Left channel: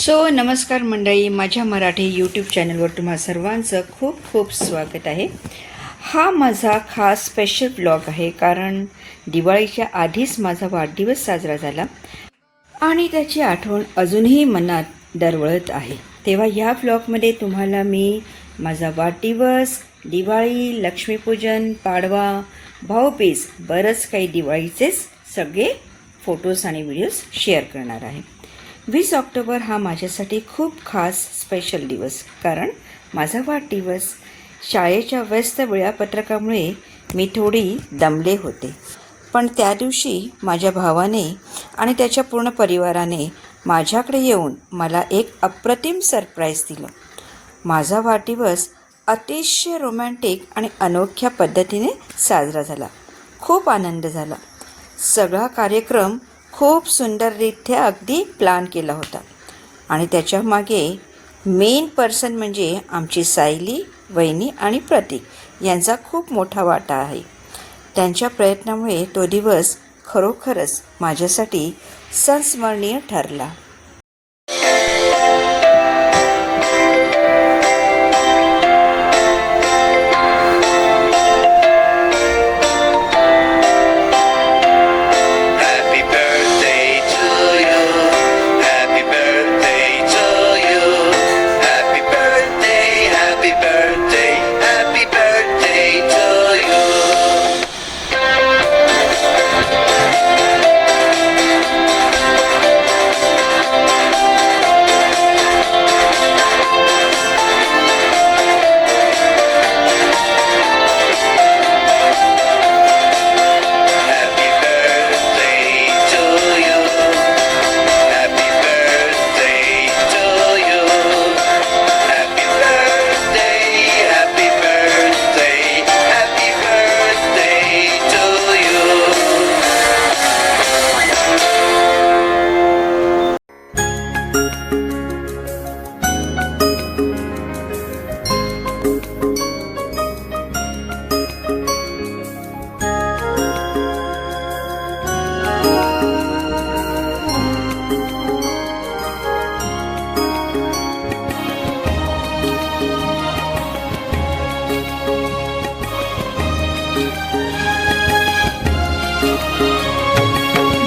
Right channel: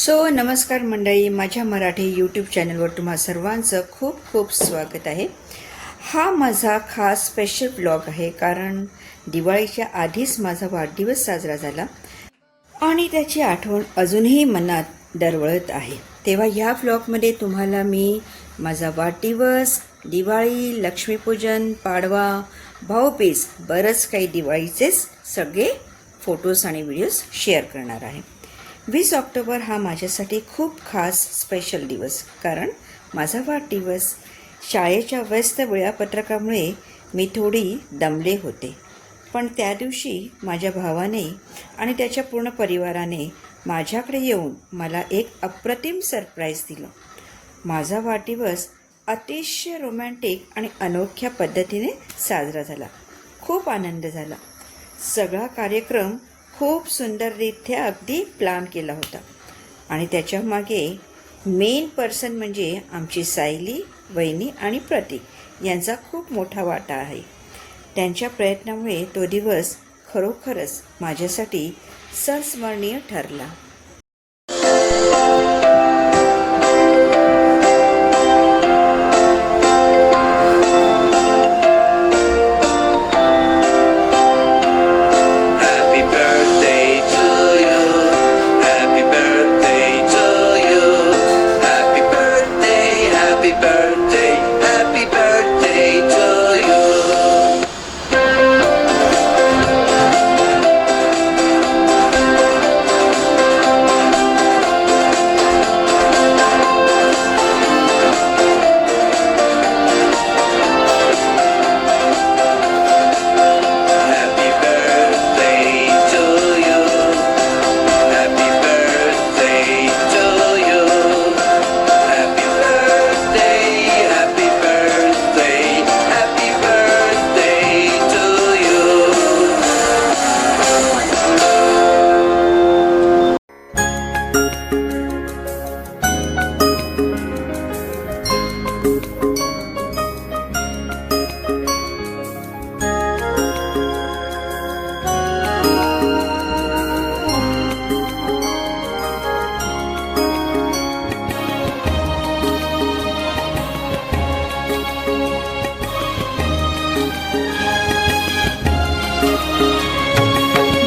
नमस्कार मंडळी, माझ्या मराठी यूट्यूब चॅनलवर तुम्हा सर्वांचं खूप खूप स्वागत आहे. हा माझा खास स्पेशल ब्लॉग आहे, कारण दिवाळीच्या आधीच माझा वाढदिवस साजरा झाला आणि त्याची आठवण अजूनही मनात दरवळत आहे. तेव्हा या ब्लॉगमध्ये तुम्हाला मी माझा वाढदिवस, दिवाळी, लक्ष्मीपूजन, पाडवा, भाऊबीज, बरंच काही दिवाळीचेच सगळे फोटोज आणि व्हिडिओज शेअर करणार आहे. 20 ऑक्टोबर हा माझ्यासाठी खूप खास स्पेशल दिवस, कारण माझा वाढदिवस. शाळेच्या व्यस्त वेळापत्रकामुळे मी थोडी दमले होते, पण त्या दिवशी माझ्या भावाने आणि त्याच्या पूर्ण परिवाराने माझ्याकडे येऊन मला एक अप्रतिम सरप्राईज दिलं. माझा वाढदिवस अतिशय रोमॅन्टिक आणि अनोख्या पद्धतीने साजरा झाला. खूप आनंद झाला. सगळा कार्यक्रम खूप सुंदररित्या अगदी प्लॅन केला होता आणि त्याच्या मागे मेन पर्सन म्हणजे आमची सायली, वहिनी आणि प्रतीक यांचा खूप मोठा वाटा आहे. त्यांच्या प्रयत्नामुळे तो दिवस खरोखरच माझ्यासाठी संस्मरणीय ठरला.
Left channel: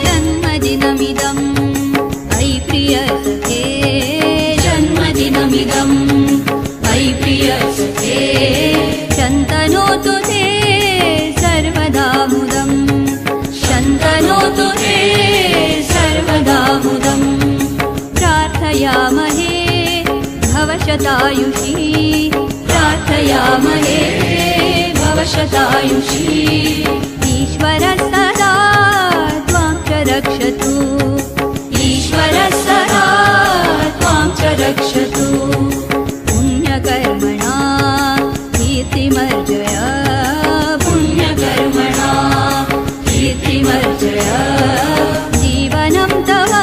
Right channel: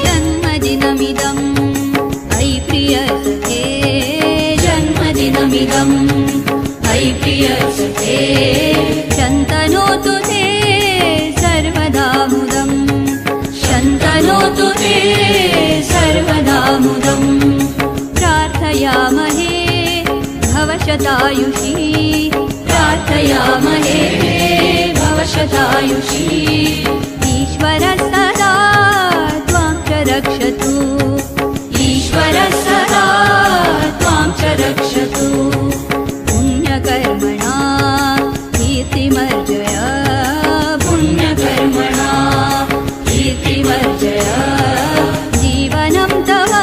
जन्मदिनमिदम् अयि प्रियसखे, जन्मदिनमिदम् अयि प्रियसखे, शन्तनोतु ते सर्वदा मुदम्, शन्तनोतु ते सर्वदा मुदम्. प्रार्थयामहे भवशतायुषी, प्रार्थयामहे भवशतायुषी. ईश्वरः सदा त्वां च रक्षतु, ईश्वरः सदा त्वां च रक्षतु. पुण्यकर्मणा कीर्तिमर्जय, पुण्यकर्मणा कीर्तिमर्जय. जीवनं तव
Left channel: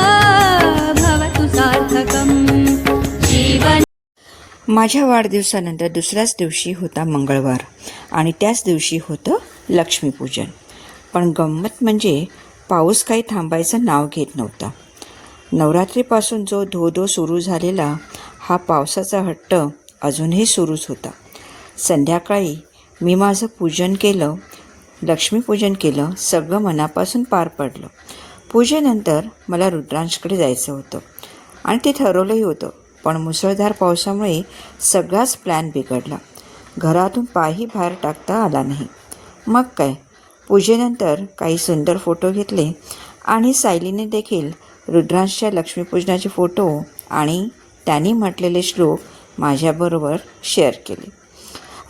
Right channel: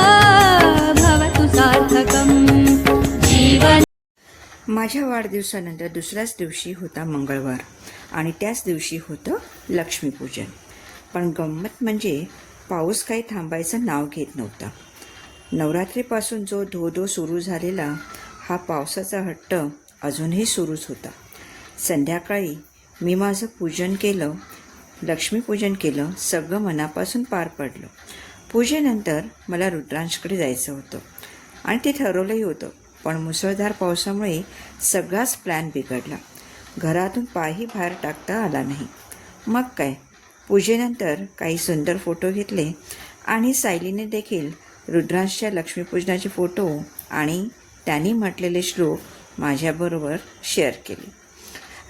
भवतु सार्थकम्, जीवन. माझ्या वाढदिवसानंतर दुसऱ्याच दिवशी होता मंगळवार आणि त्याच दिवशी होतं लक्ष्मीपूजन. पण गंमत म्हणजे पाऊस काही थांबायचं नाव घेत नव्हता. नवरात्रीपासून जो धो सुरू झालेला हा पावसाचा हट्ट अजूनही सुरूच होता. संध्याकाळी मी माझं पूजन केलं, लक्ष्मीपूजन केलं, सगळं मनापासून पार पडलं. पूजेनंतर मला रुद्रांशकडे जायचं होतं आणि ते ठरवलंही होतं, पण मुसळधार पावसामुळे सगळाच प्लॅन बिघडला. घरातून पायही बाहेर टाकता आला नाही. मग काय, पूजेनंतर काही सुंदर फोटो घेतले आणि सायलीने देखील रुद्रांशच्या लक्ष्मीपूजनाचे फोटो आणि त्यांनी म्हटलेले श्लोक माझ्याबरोबर शेअर केले.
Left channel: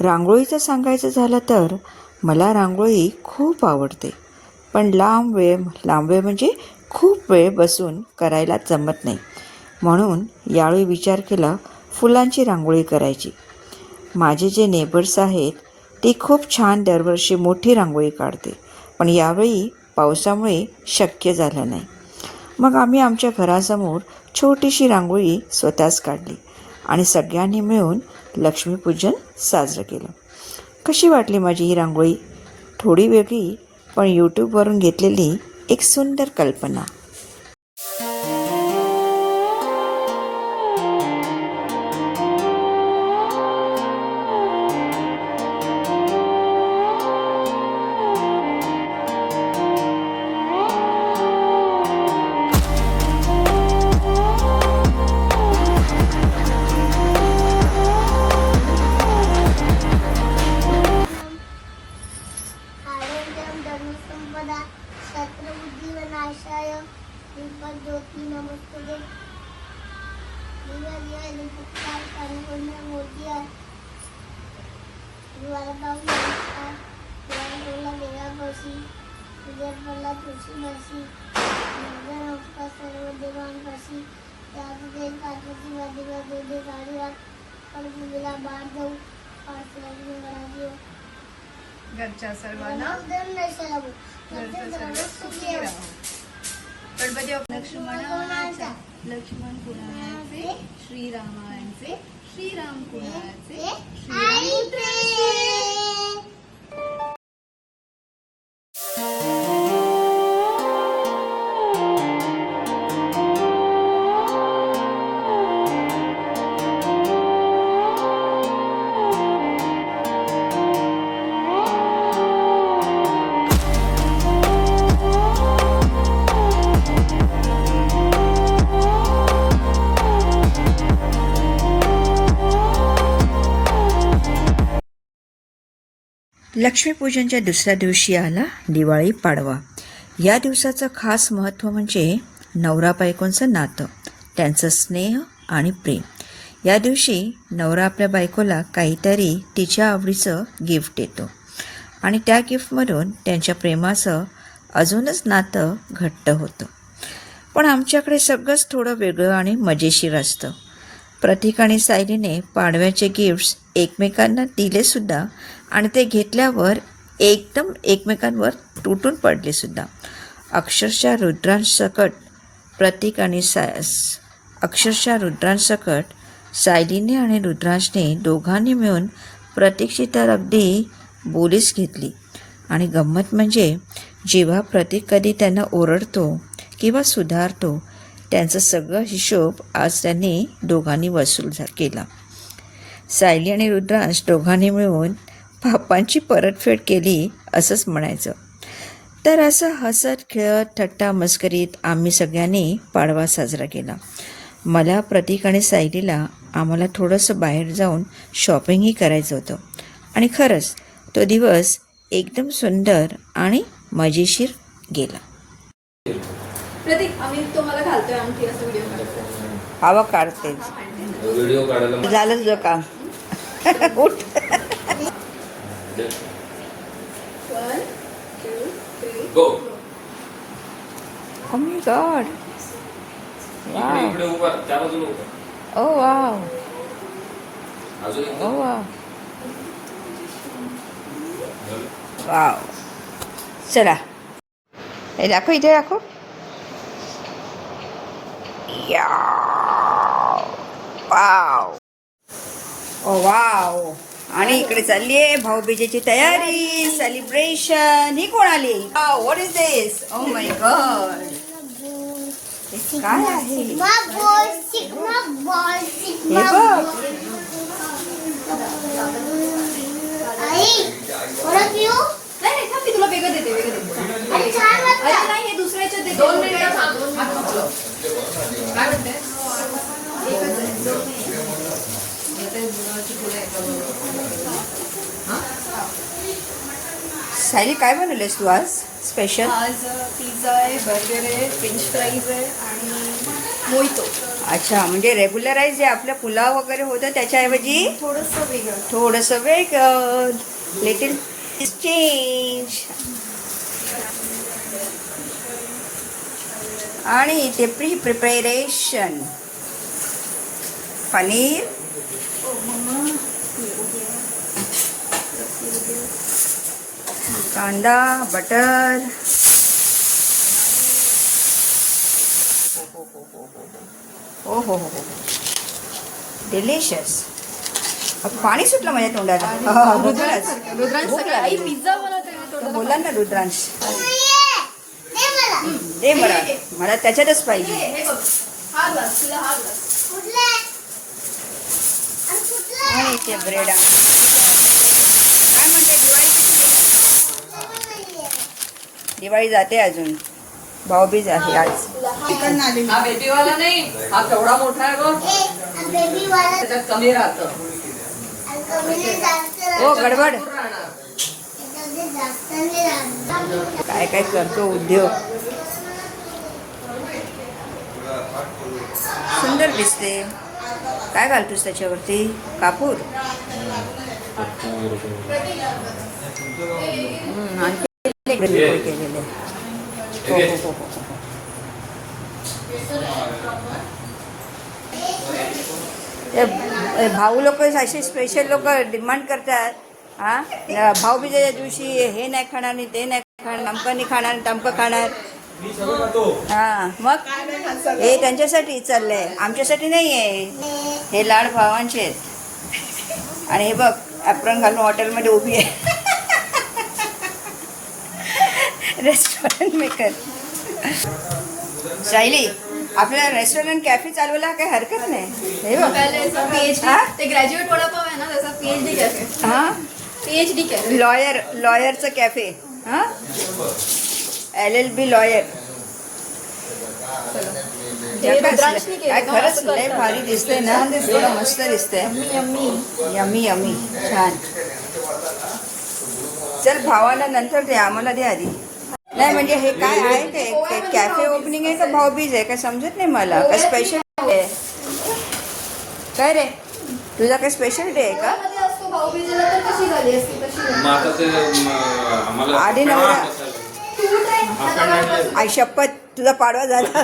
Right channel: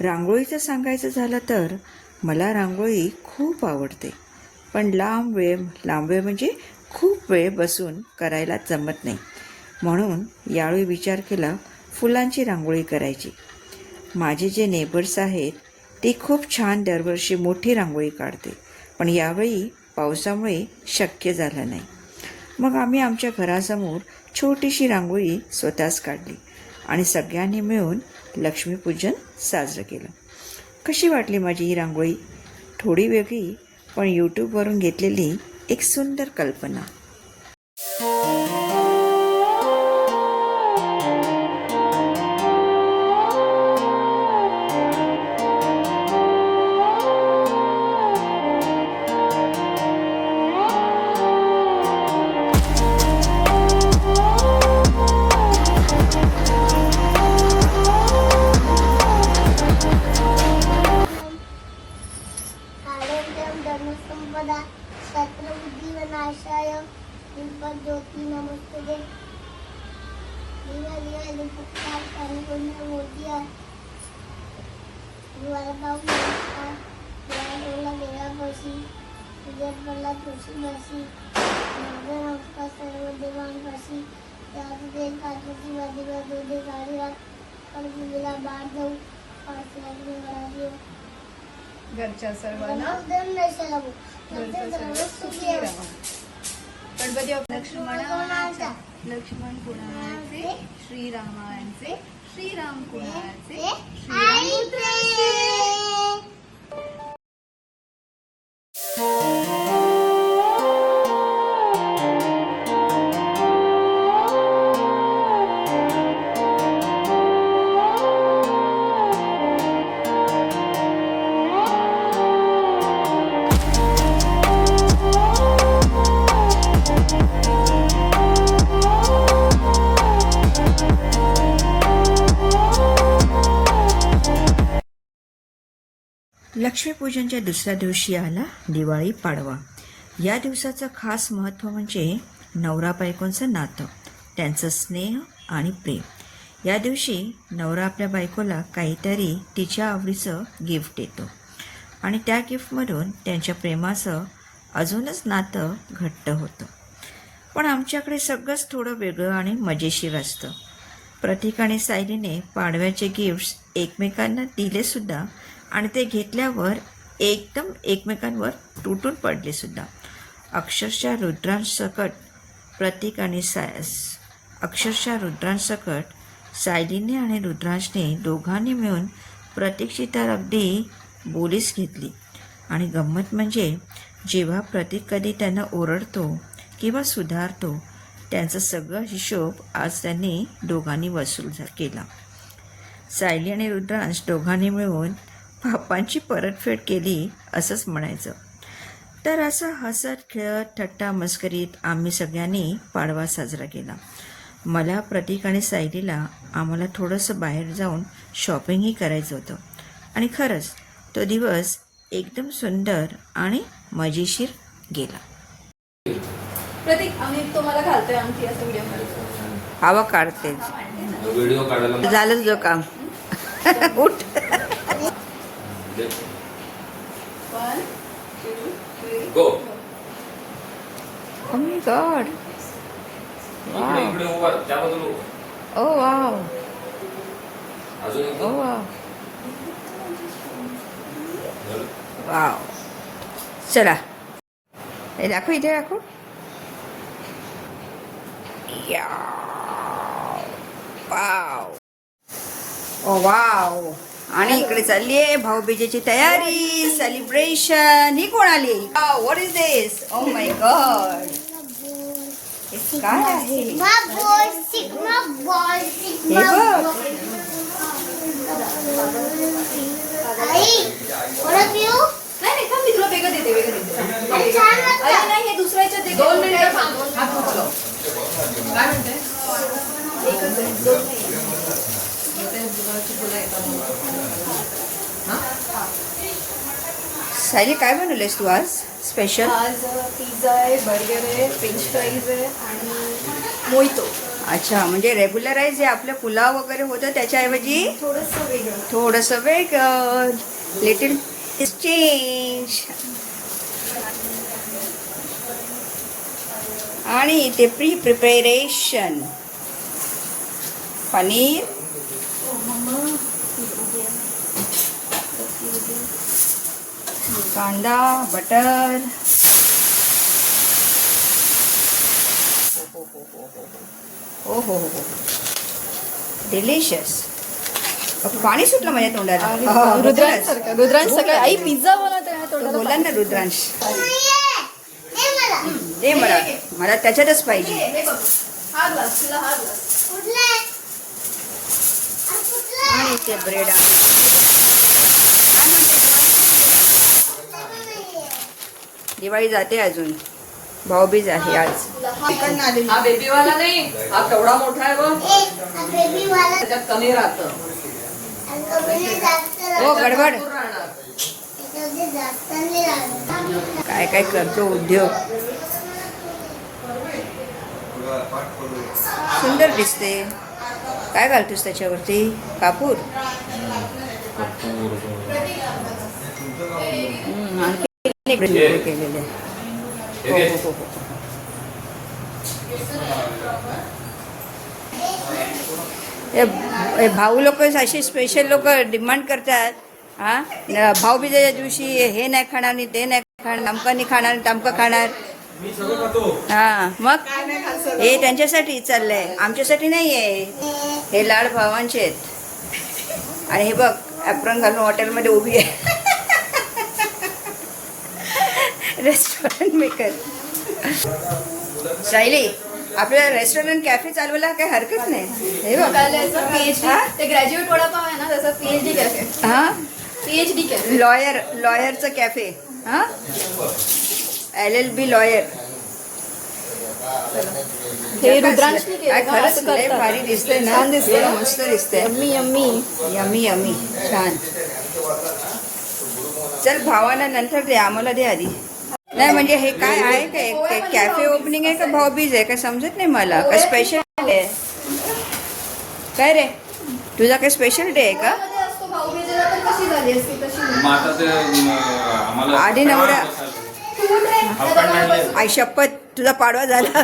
रांगोळीचं सांगायचं झालं तर मला रांगोळी खूप आवडते, पण लांब वेळ म्हणजे खूप वेळ बसून करायला जमत नाही. म्हणून यावेळी विचार केला फुलांची रांगोळी करायची. माझे जे नेबर्स आहेत ते खूप छान दरवर्षी मोठी रांगोळी काढते, पण यावेळी पावसामुळे शक्य झालं नाही. मग आम्ही आमच्या घरासमोर छोटीशी रांगोळी स्वतःच काढली आणि सगळ्यांनी मिळून लक्ष्मीपूजन साजरं केलं. कशी वाटली माझी ही रांगोळी? थोडी वेगळी, पण यूट्यूबवरून घेतलेली एक सुंदर कल्पना. घरच्या सर्वांना गणपती लक्ष्मणाचा लक्ष्मण कुणाचे श्रीरामाचे श्रीराम कुणाचे श्रीराम लक्ष्मीपूजनच्या दुसऱ्या दिवशी आला दिवाळी पाडवा. या दिवसाचं खास महत्त्व म्हणजे नवरा बायकोंचं नातं, त्यांचं स्नेह आणि प्रेम. या दिवशी नवरा आपल्या बायकोला काहीतरी तिच्या आवडीचं गिफ्ट देतो आणि त्या गिफ्टमधून त्यांच्या प्रेमाचं अजूनच नातं घट्ट होतं. पण आमच्याकडे सगळंच थोडं वेगळं आणि मजेशीर असतं. प्रतीक आणि सायलीने पाडव्याचे गिफ्ट्स एकमेकांना दिलेसुद्धा आणि ते घेतल्यावर एकदम एकमेकांवर तुटून पडलेसुद्धा. अक्षरशः रुद्रांसकट सायलीने आणि रुद्रांशने दोघांनी मिळून प्रतीकची तर अगदी बोलीच घेतली. आणि गंमत म्हणजे जेव्हा प्रतीक कधी त्यांना ओरडतो किंवा सुधारतो, त्यांचा सगळा हिशोब आज त्यांनी दोघांनी वसूल केला. सायली आणि रुद्रांश दोघांनी मिळून पापांची परतफेड केली असंच म्हणायचं. तर असं हसत खेळत थट्टा मस्करीत आम्ही सगळ्यांनी पाडवा साजरा केला. मला, प्रतीक आणि सायलीला आम्हाला थोडंसं बाहेर जाऊन शॉपिंगही करायचं होतं. आणि खरंच तो दिवस एकदम सुंदर आणि मजेशीर गेला. प्रतीक आम्ही तुम्हाला घालतोय अंगठी असं व्हिडिओ हवा काढतेच झालंच जो काम. उठ. गो. Oh my God. Wow. इकडे उभा त्या बाजूला उभा. Oh wow. अजून एक. Oh wow. Wow. चला हे दाखव, इथे दाखव. वाव. ओ वाव. आणि इकडे चालली आहे भाऊबीजेची तयारी, सेलिब्रेशन. ही कोण आली? What is this? Oh my God. हे काय आहे? हे बघ. नाही थांब, मी तुला वेगळं देते अरे नाही, हे दुसऱ्याच्या दे. 2 मिनिटं काय म्हणते? एकच आहे, 2 नाही. सायली काय बनवलेस तू आज स्पेशल? आज पिझ्झा आहे, बर्गर आहे, फ्रेंच फ्राईज आहे आणि मोहितो. अच्छा, म्हणजे रेग्युलराईज जे आपलं पुलाव वगैरे होतं त्याच्याऐवजी थोडंसं वेगळं, लिटिल चेंज. आणि इथे प्रिपरेशन पनीर, कांदा, बटर. हो हो हो हो, डिलिशियस. पाणी सुटलं माझ्या तोंडाला. रुद्रांश सगळं आई पिझ्झा बनवते. बोला ना रुद्रांश, दे मला, मला त्याच्यातच पाहिजे. आणि ते ब्रेड. काय म्हणते, दिवाळी जाते अजून, भाऊबीज आहे आज. हा बेबीवाला नाही, हा केवढा मोठा आहे बघ, त्याच्यात कमी राहतं. हो गडबड. काय काय करतो उद्योग. सुंदर दिसते. काय घालतोस त्याच्यावरती? कापूर. आणखी केलेलं आहे. हो. भाऊ लोक असे स्पेशल लोक डिमांड करतात. हां, भाऊबीजेच्या दिवशी हे नाही खाणार आणि ते नाही खाणार, नमकं नाही खाणार आणि तमकं खाणार. हां, मग हे त्यांच्यासाठी चाललंय, आमच्यासाठी नाही आहे. हे लाड भावांचे आहेत. आणि हे बघ ॲप्रॉन घालून हॉटेलमध्ये उभी आहे. Restaurant maker. सायली, आपल्याला रेस्टॉरंट कॅफे चालवायला काही हरकत नाही. हे बघ. हा? ते ग्रॅज्युएट वडापाव आहे ना त्याचा पीएचडी कॅफे. हां, पीएचडी कॅफे. लॉयरचं कॅफे. हां, LLB लॉयर. हे रुद्रांशनी केलं काय ना, खरंच असं लय करतात. भारी दिसतंय ना. एवढं मस्त दिसतंय. Yummy yummy. Yummy yummy. छान. चल भावाला नंतर दे, आम्हाला दे आधी. नाही म्हणजे हे काय आहे ते कॅफे ओपनिंग आहे का भाऊबीज आहे का समजत नाही मला. काय स्पेशल आहे काय रे? तुझा काय स्पेशल डे आहे का? मध्ये असतो भाऊबीजेला तर कशी झाली असती तशी झाली. मग आता ते आम्हाला आधी नवरा. तू ट्राय आता आई शपथ, तुझा पाडवा झाला.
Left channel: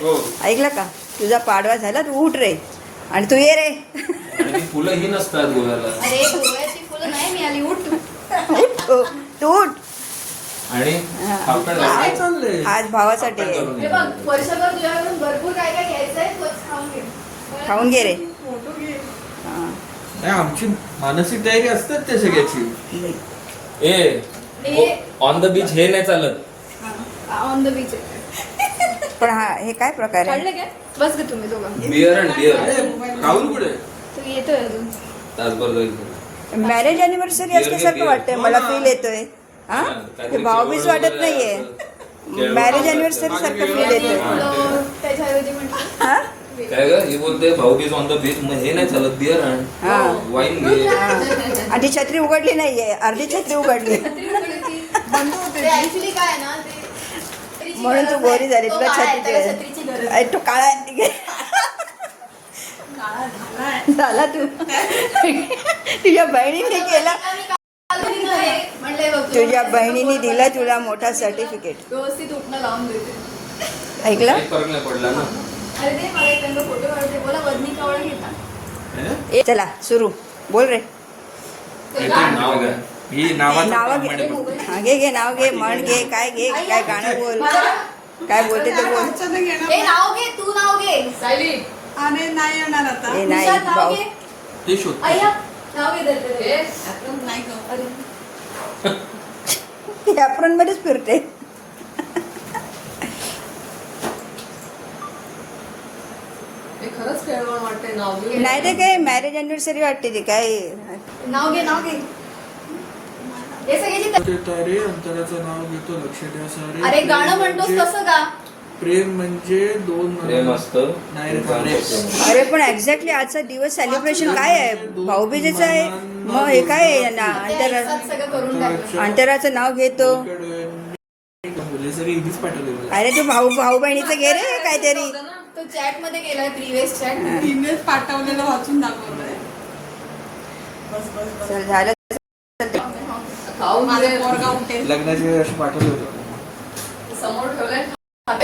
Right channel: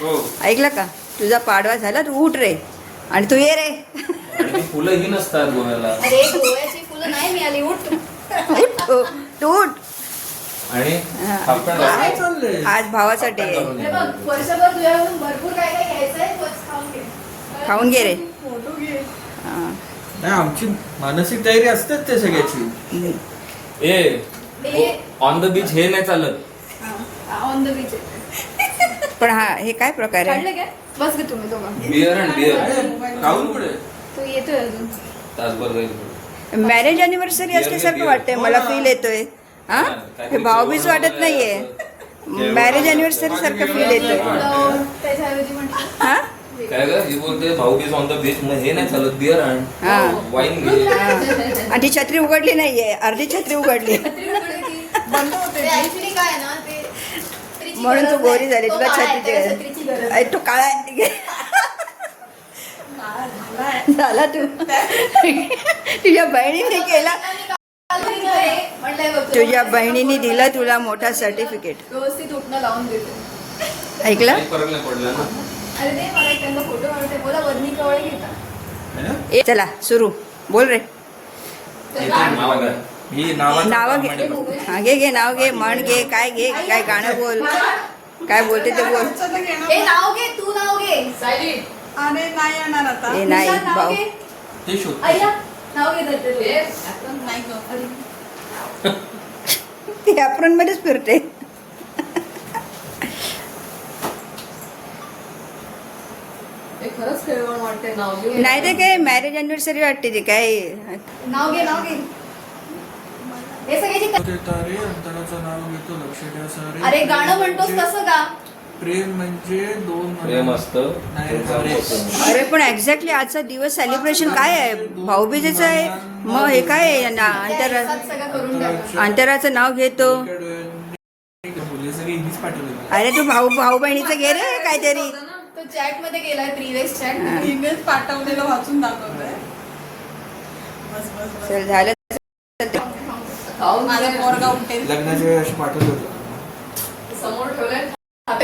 हो. ऐकलं का? तुझा पाडवा झाला, तू उठ रे आणि तू ये रे. आणि ती फुलं ही नसतात गोव्याला. अरे गोव्याची फुलं नाही मिळाली. उठ. उठ, तू उठ. आणि हा. कापतात. आज भावाचा डे आहे. हे बघ वर्षभर तुझ्याकडून भरपूर काय काय घ्यायचंय तोच खाऊन घे. खाऊन घे रे. फोटो घे. हां. नाही आमची मानसिक तयारी असते त्या सगळ्याची. ए ऑन द बीच हे नाही चालत. On the beach. पण हा हे काय प्रकार आहे? कळलं काय? बस गे तुम्ही दोघं. Beer and beer. राहुल कुठे? तू येतोय अजून. तासभर जाईल. मॅरेज अॅनिव्हर्सरी असल्यासारखं वाटतंय मला. फील येतोय. हा, हे भाऊबीज वाटत नाहीये. मॅरेज अॅनिव्हर्सरी सारखं फील येतोय. तुला त्याच्याऐवजी म्हटलं हा? काय ग ही बोलते भाऊबीज ऑन द बीच, मग हे नाही चालत. बिअर अँड हा. वाईन घे. आणि ती छत्री उघडली नाहीये, अर्धी छत्री उघडली. ते ऍक्च्युली काय आहे ना ते छत्रीची म्हणून तू गरज गोरी नाही. झाली. तो तुला काळा आहे, त्याला छत्री छत्रीची गरज अरे तू काळा आहे. ठीक आहे. झाला तू. तुझ्या बहिणीने केला. तुझ्या बहिणीने दिलं तुला मोठा सर्टिफिकेट. व्यवस्थित उठणं लावून देते. ऐकलं? काही फरक नाही पडला ना. अरे ते मला एक त्यांचा फोटो काढते. बोला वजनी कवळ घेता. चला सुरू. बोल रे. नाव काय? ही नावाचं नाव प्रमाण घे. आहे बघ. हा, घे नाव घे, म्हण घे, काय घे, काय गाणं बोल, काय बोलते ते बोल. हे नाव घे. तू नाव घे. सायली अरे नाही येणार आता. हे नाही तुषार नाव भाऊ. घे. ते शोध. अय्या नाव घे दत्त. हे नाही गं. अरे ती ॲप्रॉन मध्येच फिरते. हे खरंच खेळवण वाटते नाव घे. नाही ते काय मॅरेज अॅनिव्हर्सरी वाटते ती काय. नाव घे. नाव घे. हे सगळ्याची ते तारे अंतराचं नाव घेतो लक्ष द्या सारे. अरे गाणं म्हणतोस तसं का? प्रेम म्हणजे दोन प्रेम असतं. नाही रे तारे. अरे पण एक्झॅक्टली आजचा दिवस सेलिब्रेशन काय आहे? भाऊबीजेचं आहे. मग हे काय आहे ना एकसाथ सगळं करून टाकलं. अंतराचं नाव घेतो. बोलले सगळे इथेच पाठवले मला. अरे तू भाऊ बहिणीचं घे रे काहीतरी. तो चॅट मध्ये गेलाय प्रिव्हियस चॅट. ईमेल पाठवलेलं वाचून दाखवलंय. बस बस बस. चल झालं. खाऊन माझा घे. पोरगा उठेल. लग्नाच्या वेळी असं पाठवलं होतं. समोर ठेवलंय. हा.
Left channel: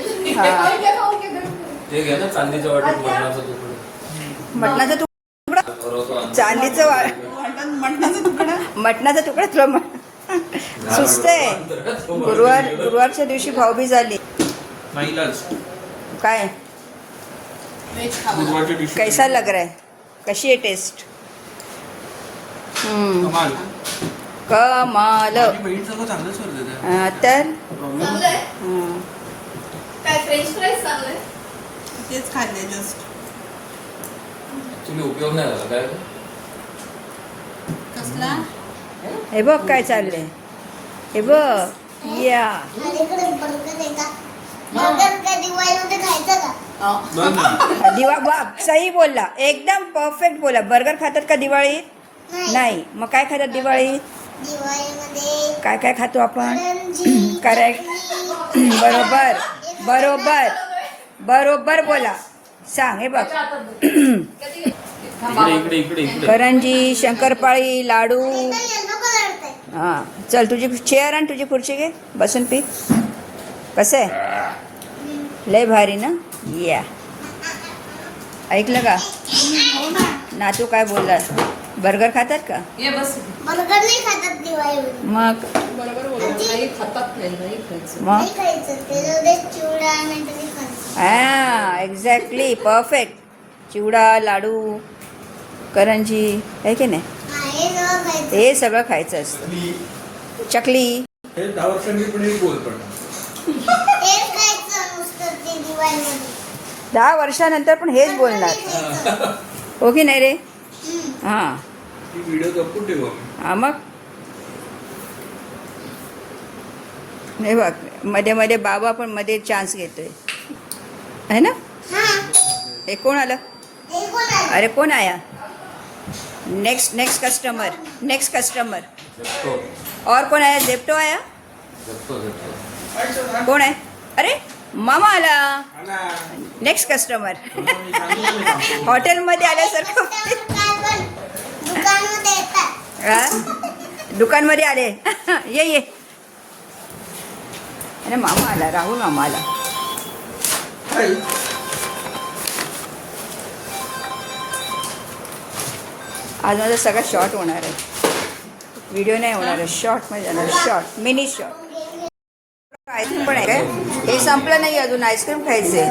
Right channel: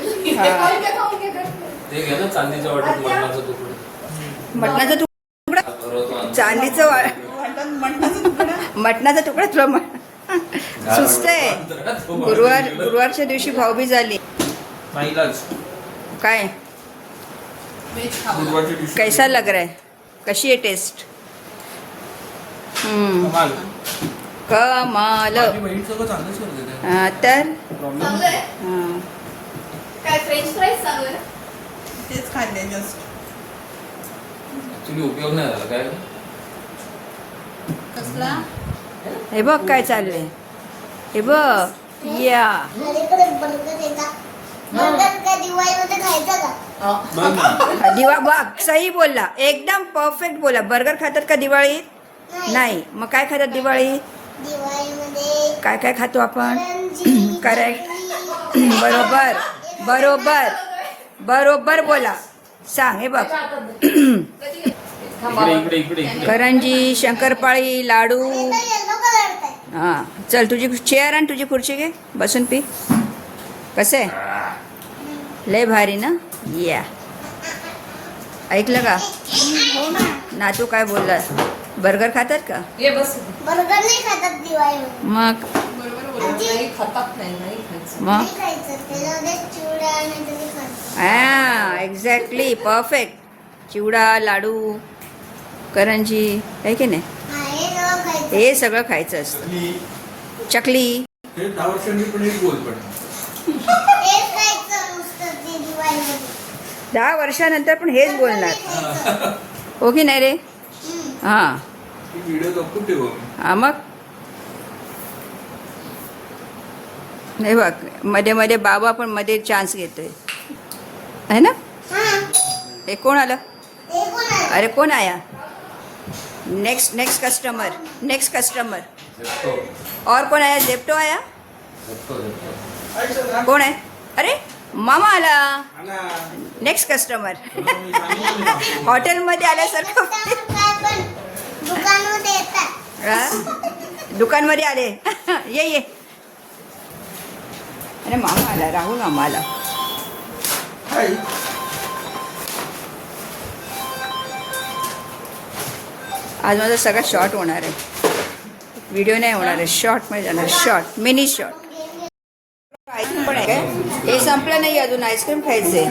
ते घ्या ना चांदीच्या वाटत मरणाचं तुकडं. मटणाचा तुकडा. भरवतो आणि चांदीचं मटणाचा तुकडा. मटणाचा तुकडा तुला सुस्त आहे. गुरुवारच्या दिवशी भाऊबीज झाली. नाईलाज. काय व्हेज खावं. गुरुवारच्या दिवशी कैसा लग रहा है? कशी आहे टेस्ट? कमाल. कमाल. माझी बहीण सगळं चांगलं सोडलं हा, तर चांगलंय. हा. काय फ्रेंच फ्राईज चांगलंय. तेच खाल्ले जस्ट. ऍक्च्युली उपयोग नाही झाला काय. कसला? हे बघ काय चाललंय. हे बघ या सही बोलला. एकदम परफेक्ट बोला. बर्गर खातात का दिवाळीत? नाही. मग काय खातात दिवाळीत? दिवाळीमध्ये काय काय खातो आपण? करंजी, करेक्ट. बरोबर बरोबर बरोबर बोला. सांग हे बघ. इकडे इकडे इकडे इकडे करंजी, शंकरपाळी, लाडू. येलो कलरचा आहे. हां चल तुझी चेअर आणि तुझी खुर्ची घे बसून पी. कसं आहे लय भारी ना. या ऐकलं का नातू काय बोलला. बर्गर खातात का ये बस. बर्गर नाही खातात दिवाळीमध्ये. मग नाही खातात नाही खायचं. मग नाही खायचं त्याच्यामध्ये चिवडा नाही तरी खायचं. हां एक्झॅक्टली परफेक्ट. चिवडा लाडू करंजी आहे की नाही हे सगळं खायचं. हे सगळं खायचं असतं. चकली हे 10 वर्षांनी पण एक बोल पण हेच खायचं नुसतं ते दिवाळीमध्ये. 10 वर्षानंतर पण हेच बोलणार खायचं. हो की नाही रे. हां ती व्हिडिओ जपून ठेवू आम्ही. हा मग हे बघ मध्ये मध्ये बाबा पण मध्ये चान्स घेतोय है ना. हां. हे कोण आलं. हे कोण आहे? अरे कोण आया. नेक्स्ट कस्टमर झेप्टो और कौन आया. जेप्टो आया. झेप्टो कोण आहे. अरे मामा आला. आला. Next customer. मी सांगितलं ना. हॉटेलमध्ये आल्यासारखं. काय पण दुकानमध्ये येतात. हा? दुकानमध्ये आले. ये अरे मामा आला. राहुल मामा आला. हाय. आज माझा सगळा शॉर्ट होणार आहे. व्हिडिओ नाही होणार आहे. शॉर्टमध्ये जाणार. Short mini short. आईस्क्रीम पण आहे काय. हे संपलं नाही अजून. आईस्क्रीम खायचे.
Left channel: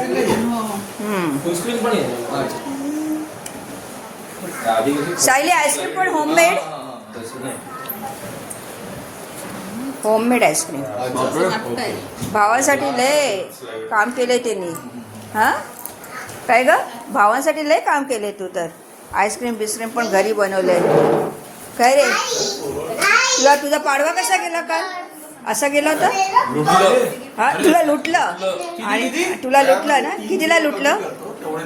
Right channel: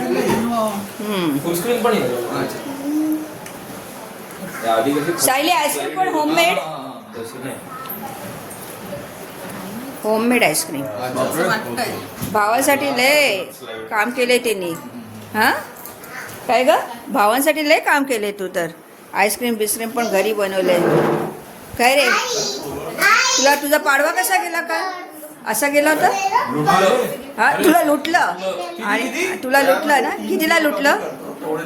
फुलस्क्रीन पण येईल. आधी कशी सायली आईस्क्रीम पण होममेड. तसं नाही. Homemade ice cream. वाटतंय. भावासाठी लय काम केलंय त्यांनी. हां काय ग भावांसाठी लय काम केलंय तू तर. आईस्क्रीम बिस्क्रीम पण घरी बनवलंय. काय रे तुझा पाडवा कसा गेला काल. असा गेला होता. हा तुला लुटलं. आणि तुला लुटलं ना. कितीला लुटलं.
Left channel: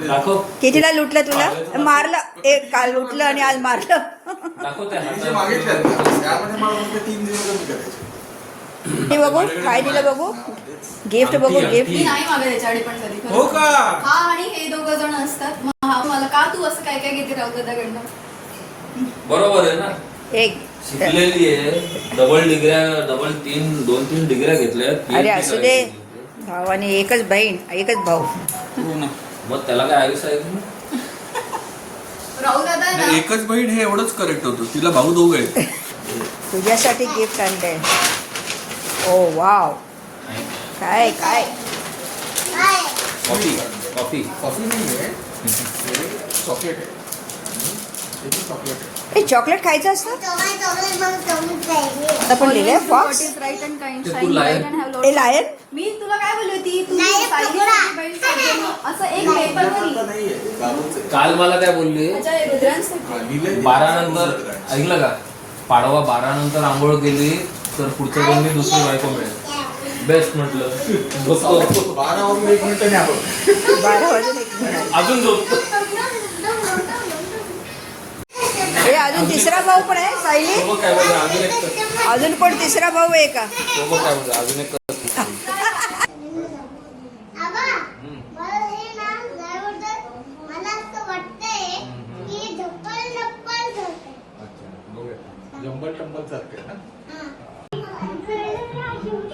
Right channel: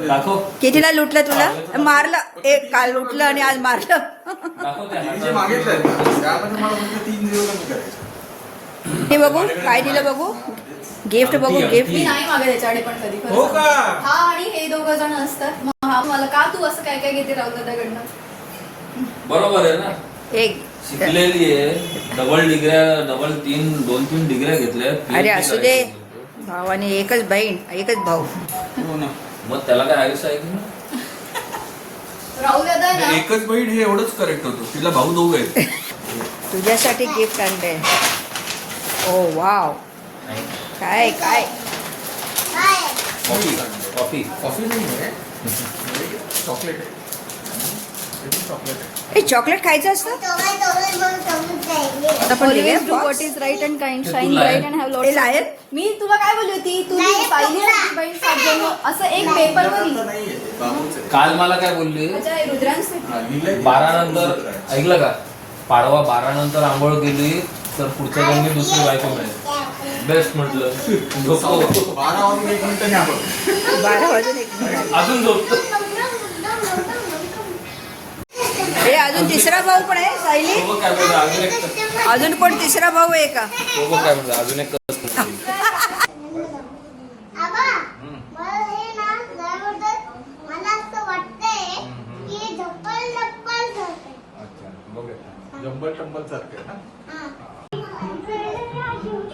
दाखव कितीला लुटलं तुला. मारलं. एक काल लुटलं आणि आज मारलं. दाखव त्या मी जे हातात. मागितलं ना, त्यामध्ये मला फक्त 3 दिवस कमी करायचे. हे बघू काय दिलं बघू. गिफ्ट बघू गिफ्ट. मी नाही मागत याच्याकडे पण कधी खरं हो सांगते. का. हा आणि हे दोघं जण असतात. मग हा मला का तू असं काय काय घेते राहुल दादाकडनं. बरोबर आहे ना. एक शिकलेली आहे. दोन तीन डिग्र्या घेतल्या. अरे असू दे. भावाने एकच बहीण एकच भाऊ. हो ना. मग त्याला काय आयुष्य आहे की. राहुल दादा ना एकच बहीण हे एवढंच करेक्ट होतं. तिला भाऊ 2 आहेत. तुझ्यासाठी गिफ्ट आणलंय. ओ वाव. काय काय काय? कॉफी कॉफी नाही आहे. चॉकलेट आहे. चॉकलेट आहे. हे चॉकलेट खायचं असतं. चॉकलेट मग चॉकलेट पाहिजे. आपण लिहिलंय what fox. is right and kind, तू shine lion. bright and have lots हे of- लायन. मी तुला काय बोलली होती तू नाही, पाहिली तुला. होती बाई सज्जन असं एक पेपर वर लिही. नाहीये. बाबूच आहे. काल मला काय बोलली. माझ्या रुद्रांश हा, लिहिलंय. 12 नंतर ऐकलं का. पाडवा 12 नंतर आंघोळ केली तर पुढच्या दोन दुसरी बायको मिळेल. बेस्ट म्हटलं. झोपतो 12 वाजून 1 मिनिटांनी आपण 12 वाजून 1 मिनिट. अजून झोपतो. हे अजून तिसरा भाऊ पण आहे सायली. तो बघ काय बोलतो. अजून एक अजून कोण तिसरा भाऊ आहे का. तो बघ काय बोलतो. अजून एक आबा, मला हे ना त्याबद्दल मला असं वाटतंय की झप्पल ठरते. अच्छा बघूया. जंबल टंबल सारखं आहे ना. हा.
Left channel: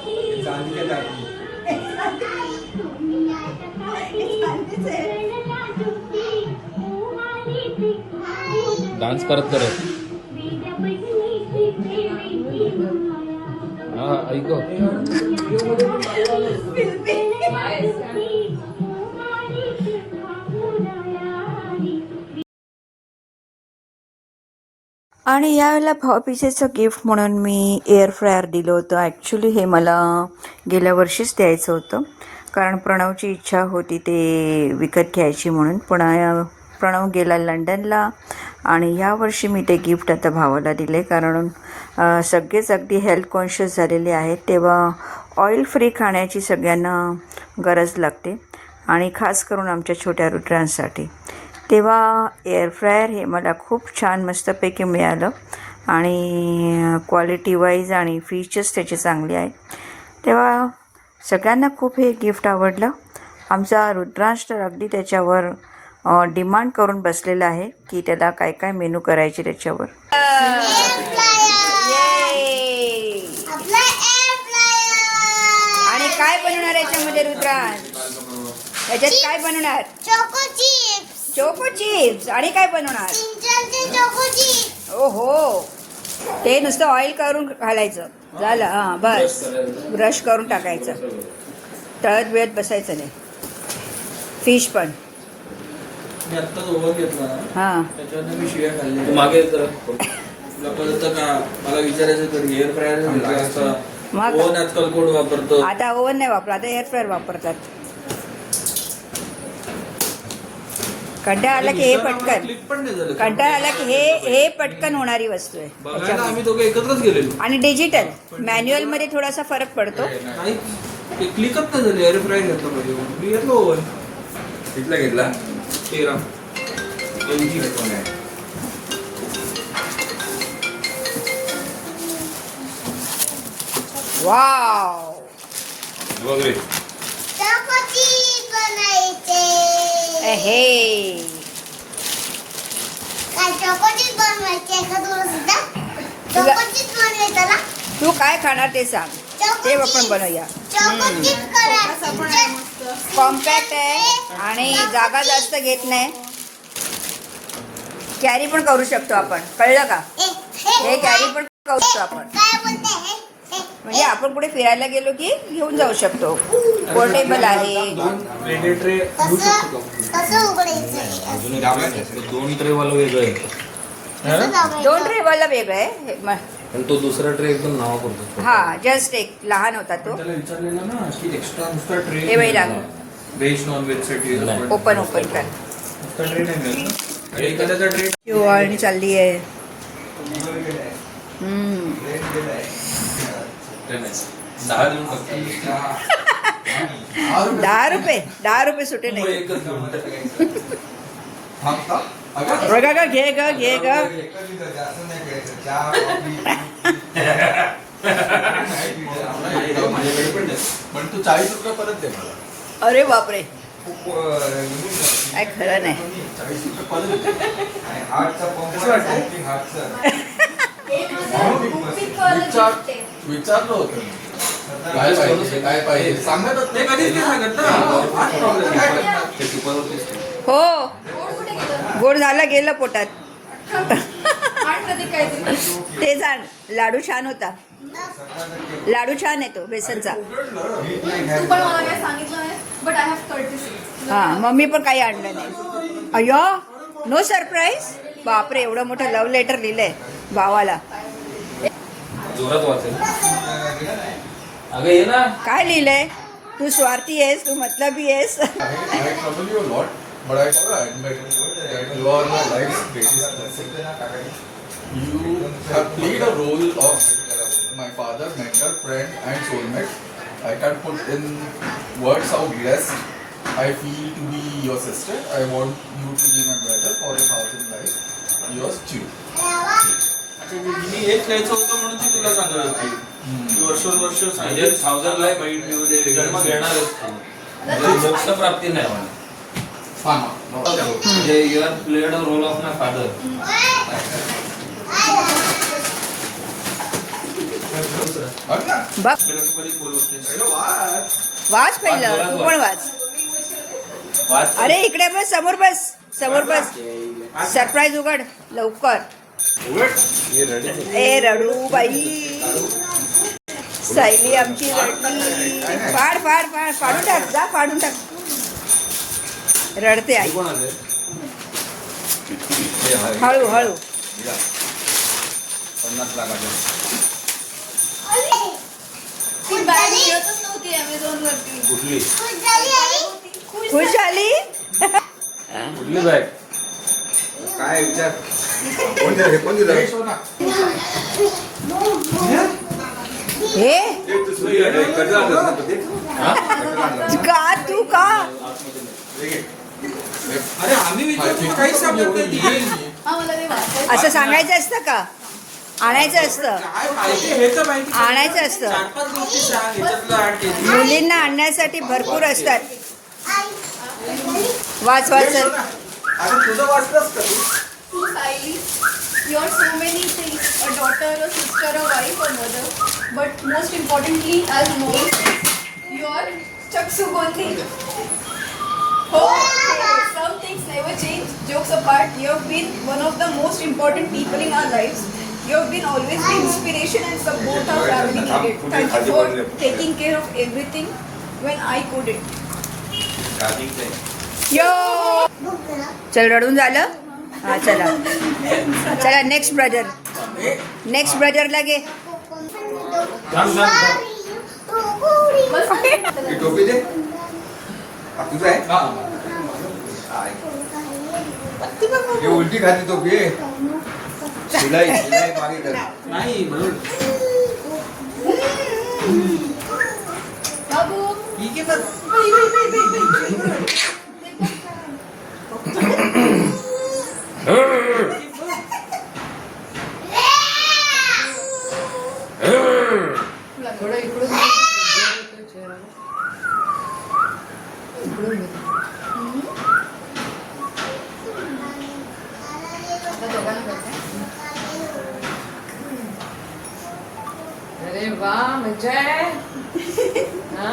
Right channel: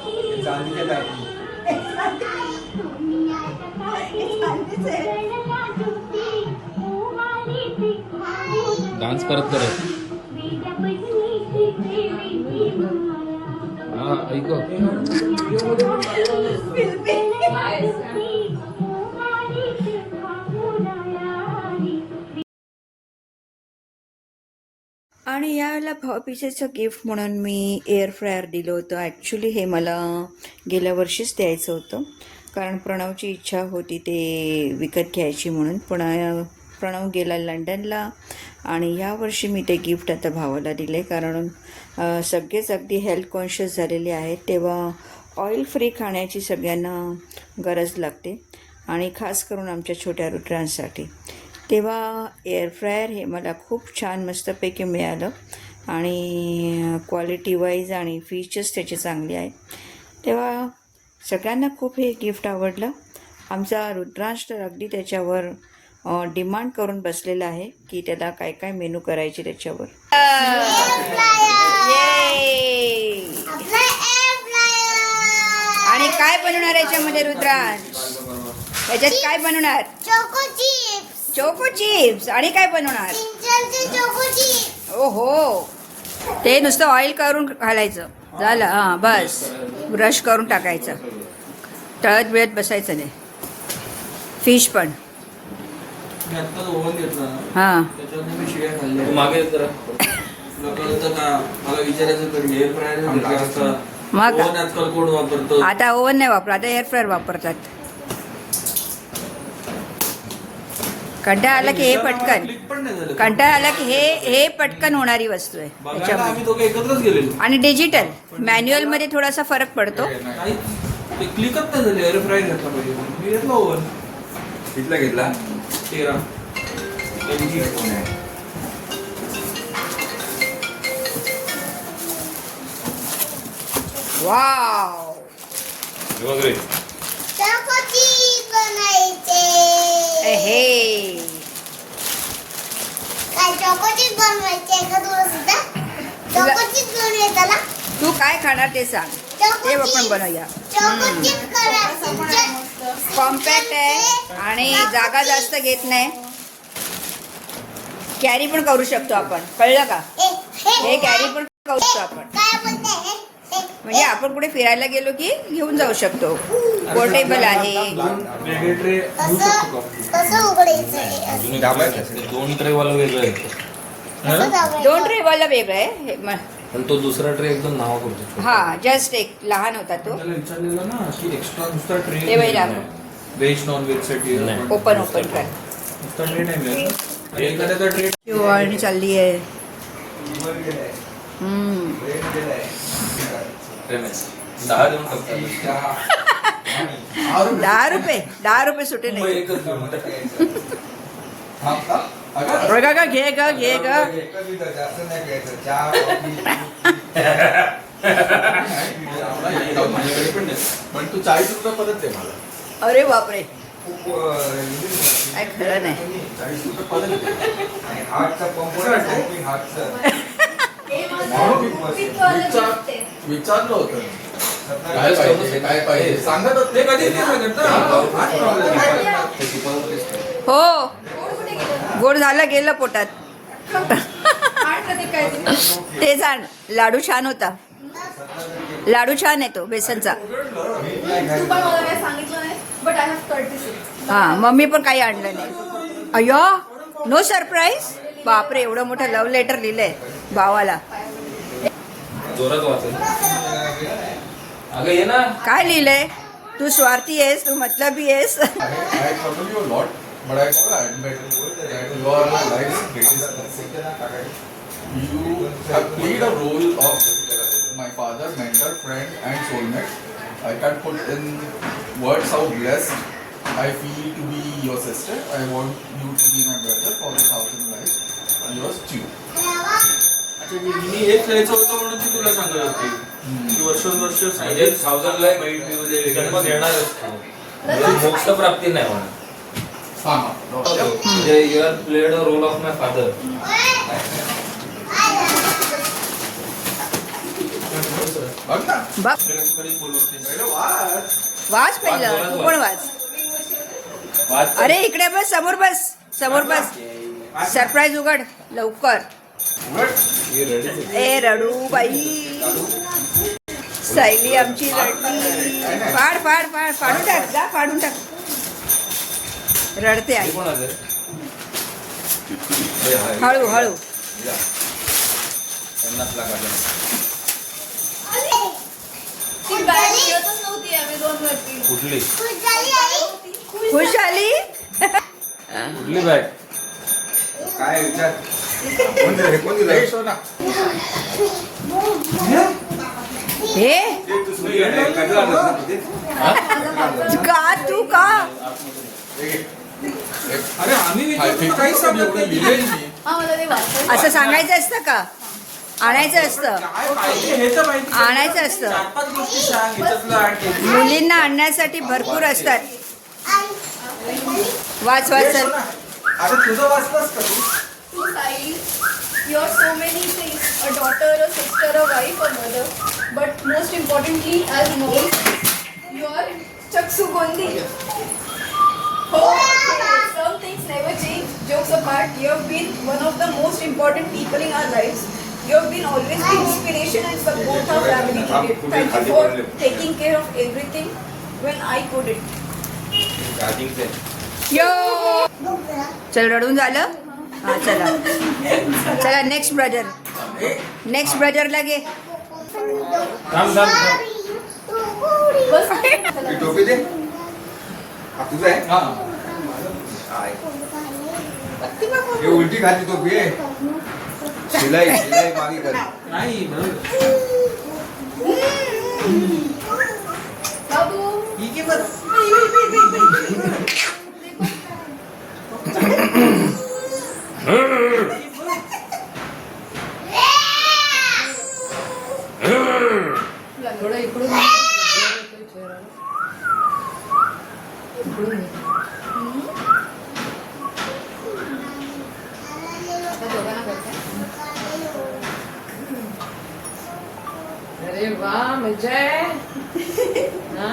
हे चांदीचे दागिने. डान्स करत हा ऐक. आणि यावेळेला भाऊबीजेचं गिफ्ट म्हणून मी एअर फ्रायर दिलं होतं. ॲक्च्युली हे मला गेल्या वर्षीच द्यायचं होतं कारण प्रणवची इच्छा होती ते विकत घ्यायची म्हणून. पण प्रणव गेला लंडनला आणि यावर्षी मी ते गिफ्ट आता भावाला दिले कारण सगळेच अगदी हेल्थ कॉन्शियस झालेले आहेत. तेव्हा ऑइल फ्री खाण्याची सगळ्यांना गरज लागते आणि खास करून आमच्या छोट्या रुद्रांसाठी. तेव्हा एअर फ्रायर हे मला खूप छान मस्तपैकी मिळालं आणि क्वालिटी वाईज आणि फीचर्स त्याचे चांगले आहेत. तेव्हा सगळ्यांना खूप हे गिफ्ट आवडलं आमचा रुद्रांश तर अगदी त्याच्यावर डिमांड करून बसलेला आहे की त्याला काय काय मेनू करायचे त्याच्यावर. आपला एअर फ्रायर आणि काय बनवणार याच्यामध्ये रुद्रांश? याच्यात काय बनवणार? Choco chips choco chips. आणि काय बनवणार? चिंचणचे चोको चिप्स ओहो, ते नुसतं ऑइल करून घालायचं झालं. हां बस, ब्रश करून टाकायचं, तळत बिळत बसायचं नाही. फिश पण. मी आत्ताच ओव्हन घेतला ना, हां त्याच्यावर मी शिव्या खाल्ल्या. तू मागे तर तुला कळतं का? मला विचारायचं तरी एअर फ्रायर असतं. मग ओव्हन आजकाल कोण वापरतो? आता ओव्हन नाही वापरत, आता एअर फ्रायर वापरतात. कंटाळा आला की हे पटकन, क्लिक पण नाही झालं. कंटाळा आला की हे पटकन होणारी वस्तू आहे बघायला त्याच्यामध्ये. आम्ही दोघं एकत्रच गेलेलो. आणि डिजिटल मॅन्युअल मध्ये थोडासा फरक पडतो. काही ते क्लिकच नाही झाले. एअर फ्रायर घेतला पाहिजे. मी घेतलो ओव्हन. कितला घेतला? 13 LG. वाव, चोको चिप्स बनायचे. हे काय चोको चिप्स बनवायचे का तुला सुद्धा? चोको चिप्स बनवायचा ना? तू काय खाणार ते सांग, ते आपण बनवूया. चोको चिप्स करायचे. कॉम्पॅक्ट आहे आणि जागा जास्त घेत नाही. कॅरी पण करू शकतो आपण, कळलं का? हे कॅरी पण करू शकतो आपण. काय बोलते? म्हणजे आपण कुठे फिरायला गेलो की घेऊन जाऊ शकतो. पोर्टेबल आहे. ट्रे घेऊ शकतो का? कसं उघडायचं? दोन ट्रे वाला वेगळं आहे. कसं लावायचं? 2 ट्रेवाला वेगळं आहे पण तो दुसरा ट्रे एकदम नावा करतो. हा, जस्ट एक लहान होता तो. त्याला विचारलेलं ना की एक्स्ट्रा नुसता ट्रे हे बाई राघव. व्हेज नॉन व्हेज साठी नाही. ओपन कर. नुसता ट्रे नाही मिळत ना. एखाद्याचा ट्रे शिवाळणी चालली आहे. 10 देऊन टाकतात. 10 रुपये सुटे मग नाही. एकच घेऊन बघा का, घे ग घे ग. पण तू 40 रुपये परत दे मला. अरे बापरे, खूप काय खरं नाही. 40 रुपये परत दे. आणि हार्टचा पंप हार्टचा विचारलं होतं मी. काय पाहिजे काय पाहिजे सांगतच ते कधीच नाही सांगत ना. हाच problem आहे. हो, गोड झालं गेलं पोटात. ते जाण लाडू छान होता. लाडू छान आहे तो बेसनचा. तू पण मला काय सांगितलं नाही, बट आय हॅव कर्टिसी. हा, मम्मी पण काही आणलं नाही. अय्यो, नो सरप्राईज. बापरे, एवढं मोठं लव्ह लेटर लिहिलंय भावाला. जोरात वाचेल. अगं ये ना. काय लिहिलंय? तू स्वार्थी आहेस, तू मतलबी आहेस. I follow you a lot, but I admit that you are my life's greatest blessing. You have played a role of my father, mentor, friend, and soulmate. I can't put in words how blessed I feel to be your sister. I want you to be my brother for 1,000 lives. Yours, Chew. मी हेच घ्यायचं होतं म्हणून ती तुला सांगत होती. ती वर्षोवर्ष म्हणजे 1000 लाख जन्म घेणार मोक्ष प्राप्ती नाही म्हणा. म्हणजे you are played a role of my father. बघ ना. बघ, कधी बोलवते. वाच पहिलं, तू पण वाच. वाच. अरे इकडे बस, समोर बस, समोर बस. सरप्राईज उघड लवकर. हे रडते. ए रडू बाई, सायली आमची रडली. फाड फाड फाड, फाडून टाक, जा फाडून टाक. रडते आई. कोणाचं? हळू हळू. 50 लाखाचं. ती बॅग मिळतच नव्हती Amazon वरती. कुठली खुश झाली. कुठली बॅग? काय विचार कोण दिलं? हे कोण दिलं? हे का, तू का? अरे आम्ही विचारतो काहीच सांगत नाही. हा, मला ते वाचायचं. असं सांगायचं असतं का? आणायचं असतं, काय पाहिजे हे तर माहिती. आणायचं असतं. 4-5 गोष्टी सांग. ह्याच्यातलं आठ केली. मुलींना आणण्यासाठी भरपूर असतात. वाच वाच चल. अरे तुझं वाचलंस का तू? To Sai, you are so many things, a daughter, a sister, a wife, a mother. But most importantly, as mom, you are Chaksu Gondi. Okay, some things never change. Jokes apart, you have been one of the most important people in our lives. You have been always the inspiration and support our family needed. Thank you for taking care of everything when I couldn't. यो चल रडून झालं हा चला चला next brother लागे ही टोपी दे. हा तुझा आहे? आहे. हे उलटी खाली टोपी आहे. शिलाई मागे कर. नाही बरोबर. Babu, ठीक आहे बरं. थोडं इकडून अरे वा मजा आहे हा?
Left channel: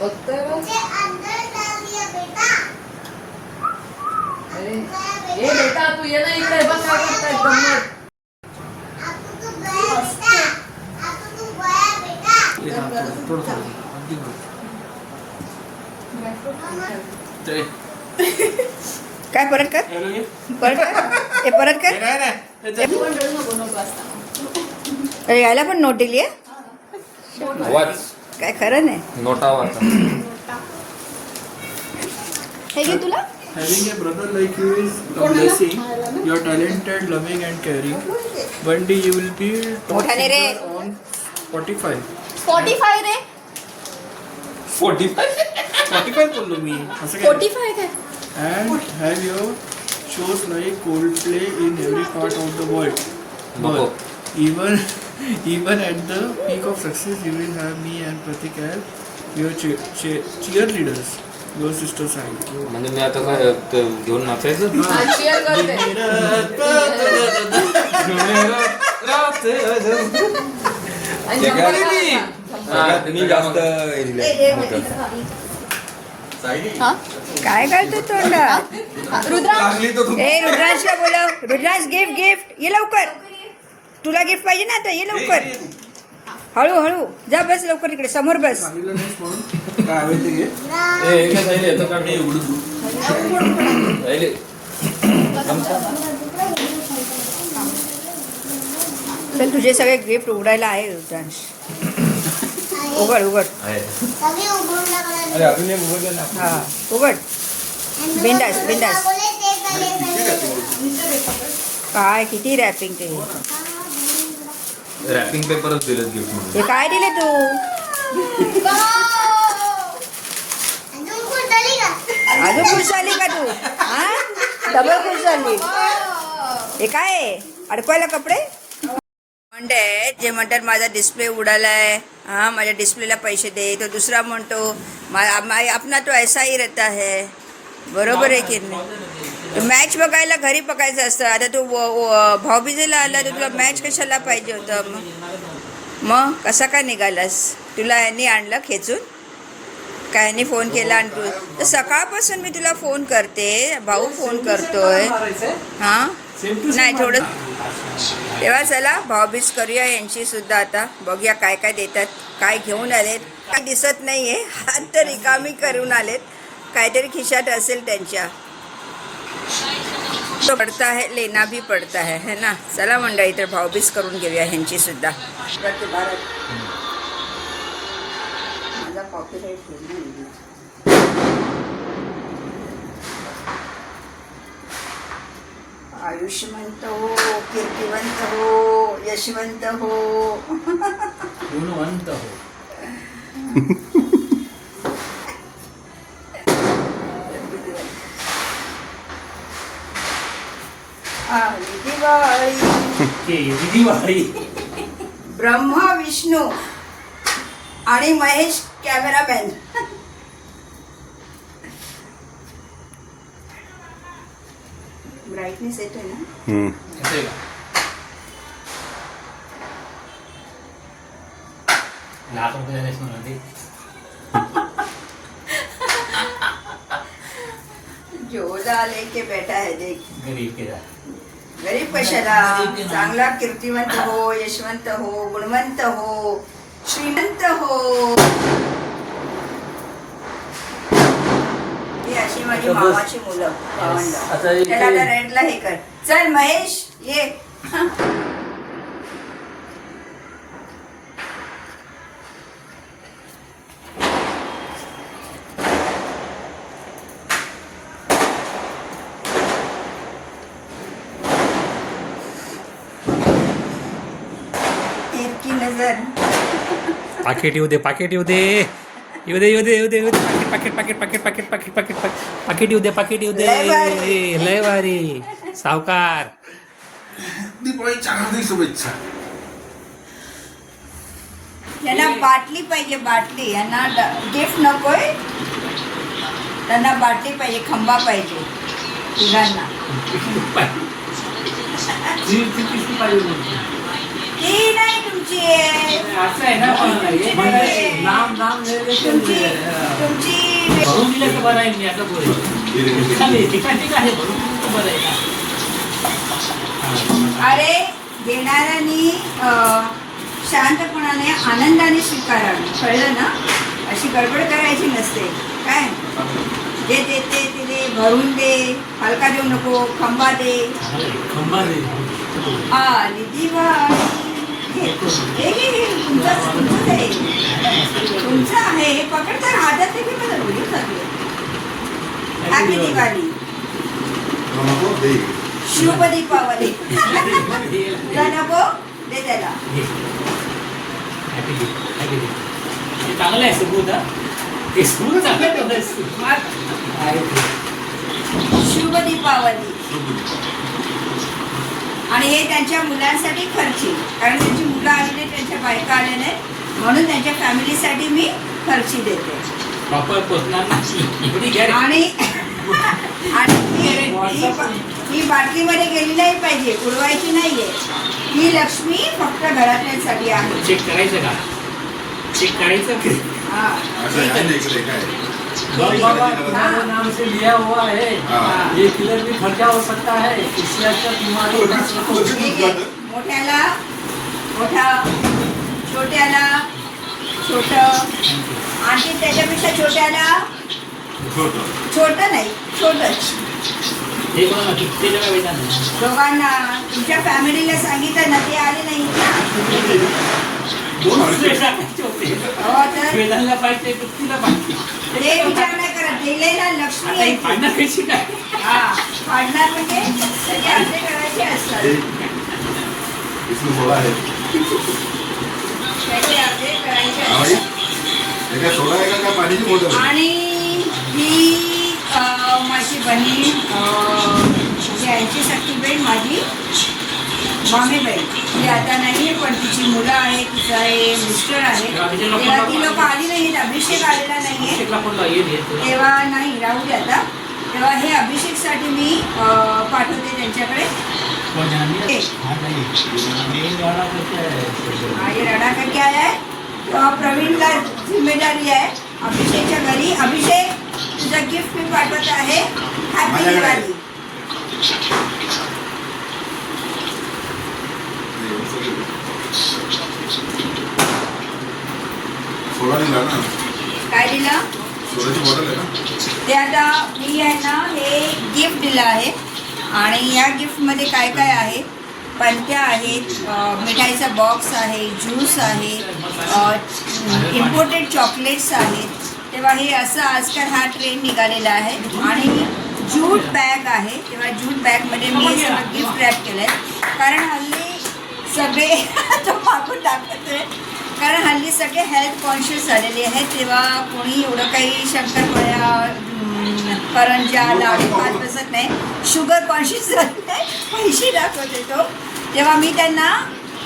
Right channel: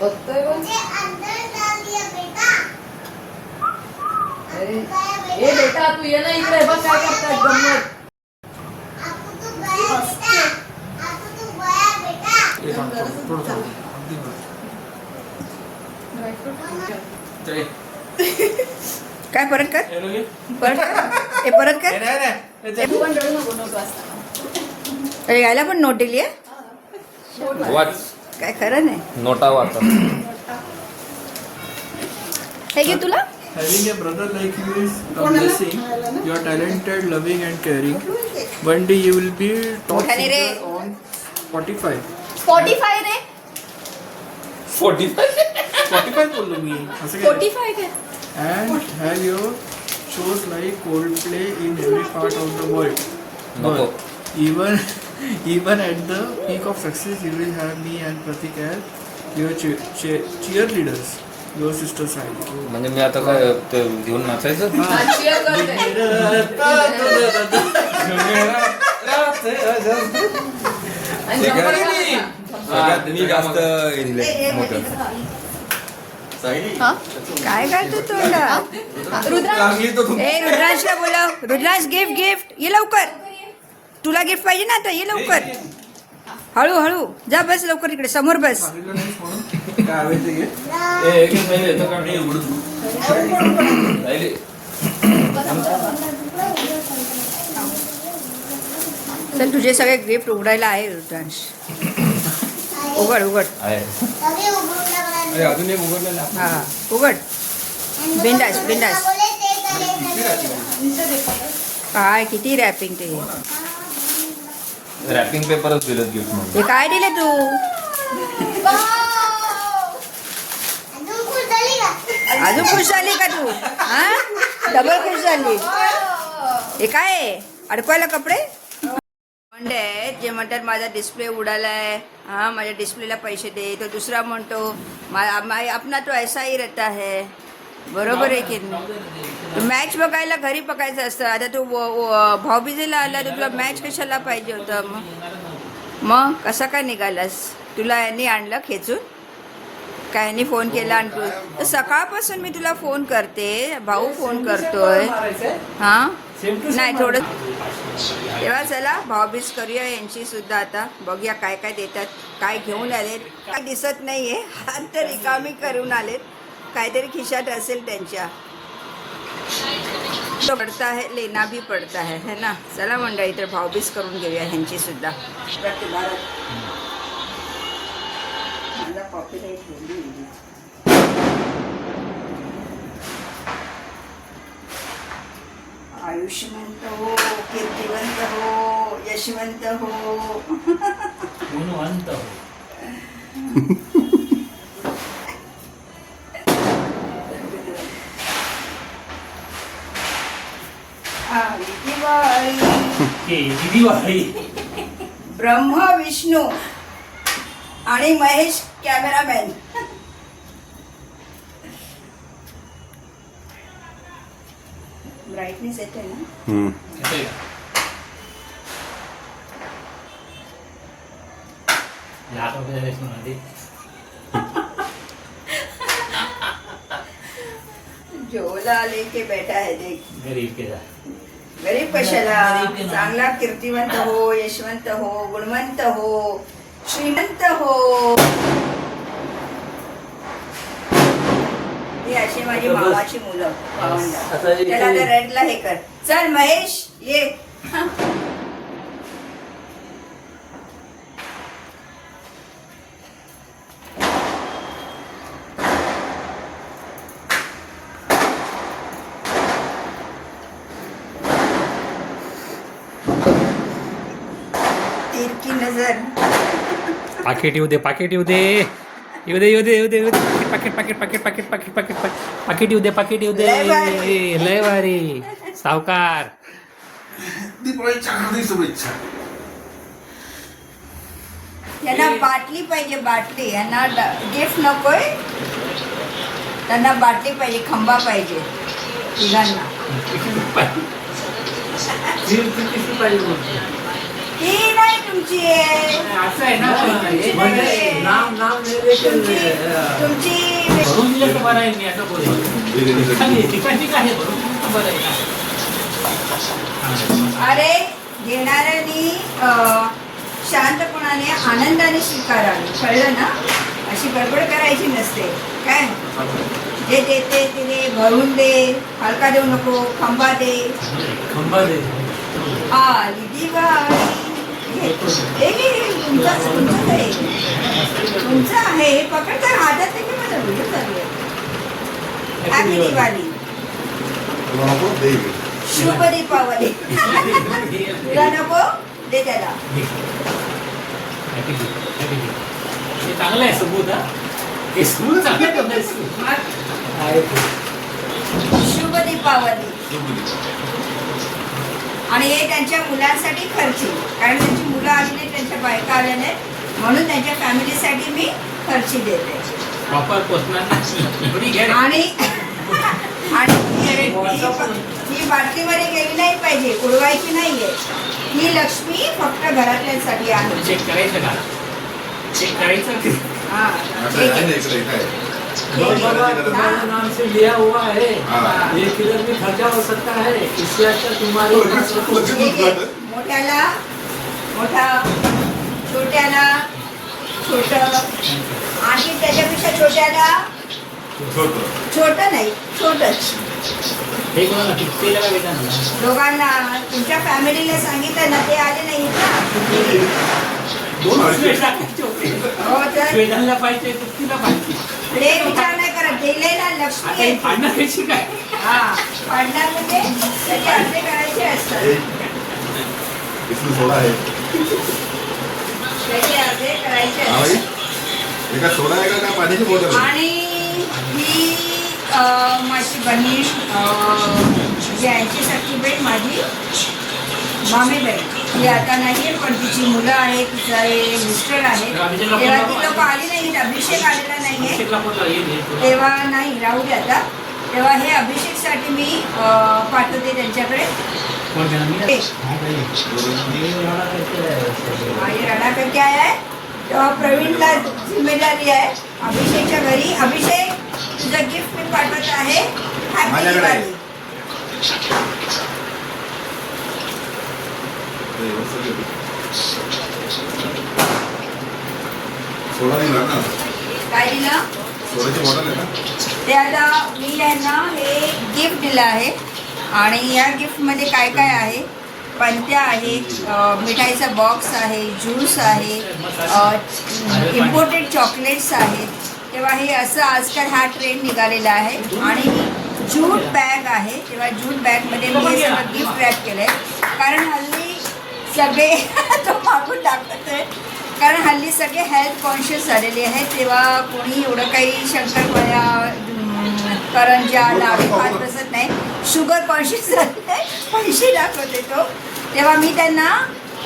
बघतोय बघ. मुझे अंदर डाल दिया बेटा. अरे ए बेटा तू ये ना इकडे बघ काय करताय गंमत. आपको तू गया बेटा. आपको तू गया बेटा. हे थांब, थोडं अगदी थोडं. ते काय परत कर हे बघ हे. हे परत कर नाही, नाही. तू पण रडू नको नोट वाचताना. अरे यायला पण नोट दिली आहे वाच काय खरं नाही नोटा वाचा. हे घे तुला. Having a brother like you is a blessing. You are talented, loving and caring. One day you will be top मोठाने ray. singer on Spotify. Spotify रे. 45 बोललो मी. असं काय? 45 काय? And have your shows like Coldplay in every part of the world. नको. Even at the peak of success, you will have me and Pratik as your cheerleaders. Your sister side. म्हणजे मी आता काय ते घेऊन नाचायचं. हा, cheer करते. आणि झंपर घाला. मी जास्त हा? काय करतो तोंडा रुद्रांश. रुद्रांशला बोलाव रुद्रांश गिफ्ट ये लवकर तुला गिफ्ट पाहिजे ना आता ये लवकर हळू जा बस लवकर इकडे समोर बस सांगितलं नाहीस म्हणून काय हवे ते घे. हे काय साईले येतं का नाही उघडून साईले चल तुझे सगळे गिफ्ट उघडायला आहे रुद्रांश उघड आहे. तभी उघडून लागला. अरे अजून एक उघडलं ना. हा उघड बिंदास बिंदास बोले ते करे. काय किती रॅपिंग ते रॅपिंग पेपरच दिलं गिफ्ट म्हणून. हे काय दिले तू अजून खुश झाली का? अजून खुश झाली का तू हा डबल खुश झाली हे काय आहे? अडकवायला कपडे म्हणते जे म्हणतात माझा डिस्प्ले उडालाय हा माझ्या डिस्प्लेला पैसे दे तो दुसरा म्हणतो अपना तो ऐसा ही रहता है बरोबर आहे की नाही तो मॅच बघायला घरी बघायचं असतं आता तू भाऊबीजेला आला तर तुला मॅच कशाला पाहिजे होतं मग कसा काय निघालास तुला यांनी आणलं खेचून काय यांनी फोन केला आणि तू तर सकाळपासून मी तुला फोन करते भाऊ फोन करतोय हां नाही थोडं तेव्हा चला भाऊबीज करूया यांची सुद्धा आता बघूया काय काय देतात काय घेऊन आलेत काय दिसत नाही आहे हात तर रिकामी करून आलेत काहीतरी खिशात असेल त्यांच्या तो पडता है लेना भी पडता है ना चला मंडळी तर भाऊबीज करून घेऊया ह्यांची सुद्धा आयुष्यवंत हो कीर्तिवंत हो यशवंत हो गुणवंत हो. दिवाळी ब्रह्मा विष्णू आणि महेश कॅमेरामॅन ब्राईटनेस येतोय ना. येतंय का? ₹1,00,000 देस म्हणा ते. जोला आले के बेटा है देख. गरीब के जा. गरीब कशाला, चांगला कीर्तिवंत हो, यशवंत हो, गुणवंत हो, श्रीमंत हो. ही अशी माझी मामाची मुलं भावंड. आता इथे- त्याला आता रेडला हे कर. चल महेश ये. तीर की नजर. पाकिट येऊ दे, पाकिट येऊ दे, येऊ दे, येऊ दे, येऊ दे, येऊ दे. पाकिट पाकिट पाकिट पाकिट पाकिट पाकिट पाकिट पाकिट येऊ दे, पाकिट येऊ दे. लय भारी. लय भारी. सावकार. दीपावलीच्या हार्दिक शुभेच्छा. यांना बाटली पाहिजे, बाटली. यांना गिफ्ट नकोय, त्यांना बाटली पाहिजे, खंबा पाहिजे तिघांना. ती नाही तुमची आहे. असं आहे ना, तुमची म्हणजे नाही. नाम तुमची भरून दिलं तर बरं आहे. मी असं बोलेन ठिकाणी आहे, भरून दिलं तर बरं आहे ना. अरे देणाऱ्यानी शांतपणाने आनंदाने स्वीकारावे, कळलं ना. अशी गडबड करायची नसते. काय जे देते तिने भरून दे, हलका देऊ नको, खंबा दे. खंबा दे. आली दिवाळी. तुमचं आहे, तुमचं आहे. हे पकड तर हातात ते मला व्हिडिओ चालू. हॅपी दिवाळी, शुभ दीपावली. तुला नको दे त्याला. हे चांगलं आहे सबूत. हे सबूत चांगलं आहे. शुभ दीपावली. आणि हे त्यांच्या मुलांसाठी खर्ची, कारण त्यांची मुलं आली नाही, त्यांच्या बायका आल्या नाहीत, म्हणून त्यांच्या फॅमिलीसाठी मी खर्ची देते. प्रॉपर पोचणार. आणि ही बाटलीमध्ये गेली नाही पाहिजे, उडवायची नाहीये. ही लक्ष्मी फक्त घरातल्यांसाठी आहे. चेक करायचं का? चेक करायचं. हा, ठीक आहे. नाम से लिया हुआ है. हाँ. ये किधर भी खर्चा हो सकता है. इससे अच्छा तुम्हारी ठीक आहे. मोठ्याला मोठा, छोट्याला छोट, आणखी त्याच्यापेक्षा छोट्याला छोट नाही, छोटच. हे कोणाला किती जगा वेतन. दोघांना. तुमच्या फॅमिलीला सांगितलं ना, ते आले नाही ना. हो तर वेतनला पाहिजे, कितीला पाहिजे. ते विचार नाही करत. दिलेला लक्ष्मी आहे. पाडण्यापेक्षा काय. हा, पाडणार म्हणजे त्याचे अर्धे करायचे असतात. इसमें सोडा है. त्याचे अर्धे करायचे हाँ भाई, असतात. एका सोडा आहे का पाण्याची बोतल आहे? आणि ही माझी बहीण, म्हणजे आईची सख्खी बहीण, माझी मामी बहीण. ती आता नाहीये, पण तिची मुलं आहेत, तिचं आहे, मिस्टर आहे. तेव्हा ती लोक आली नाही, अभिषेक आलेला नाहीये, तेव्हा नाही, राहू दे आता. तेव्हा हे अभिषेकसाठी मी पाठवते त्यांच्याकडे. हा, ये रडा करके आया है. तेव्हा प्रवीणला जिम्मेदारी आहे अभिषेकच्या घरी. अभिषेक, तुझं गिफ्ट मी पाठवत आहे. हॅपी दिवाळी. सोडा दिला ना, काय दिलं? सोड्याची बॉटल आहे ना. ते आता मी यांना हे गिफ्ट दिलं आहे. आणि या गिफ्टमध्ये काय काय आहे? पंत्या आहेत, मिठाईचा बॉक्स आहे, ज्यूस आहे, इम्पोर्टेड चॉकलेट्स आहेत. तेव्हा हे असं आजकाल हा ट्रेंड निघालेला आहे. आणि ज्यूट बॅग आहे. तेव्हा ज्यूट बॅगमध्ये मी हे सगळं गिफ्ट रॅप केलं आहे. कारण हल्ली सगळे तो मागून दाखवतोय, कारण हल्ली सगळे हेल्थ कॉन्शियस झालेले आहेत. तेव्हा कोणी एवढं काही शंकरपाळ्या, करंजा, लाडू खात बसत नाही. शुगर कॉन्शियस झाले आहे, पैसे दाखवते तो. तेव्हा मी त्यांना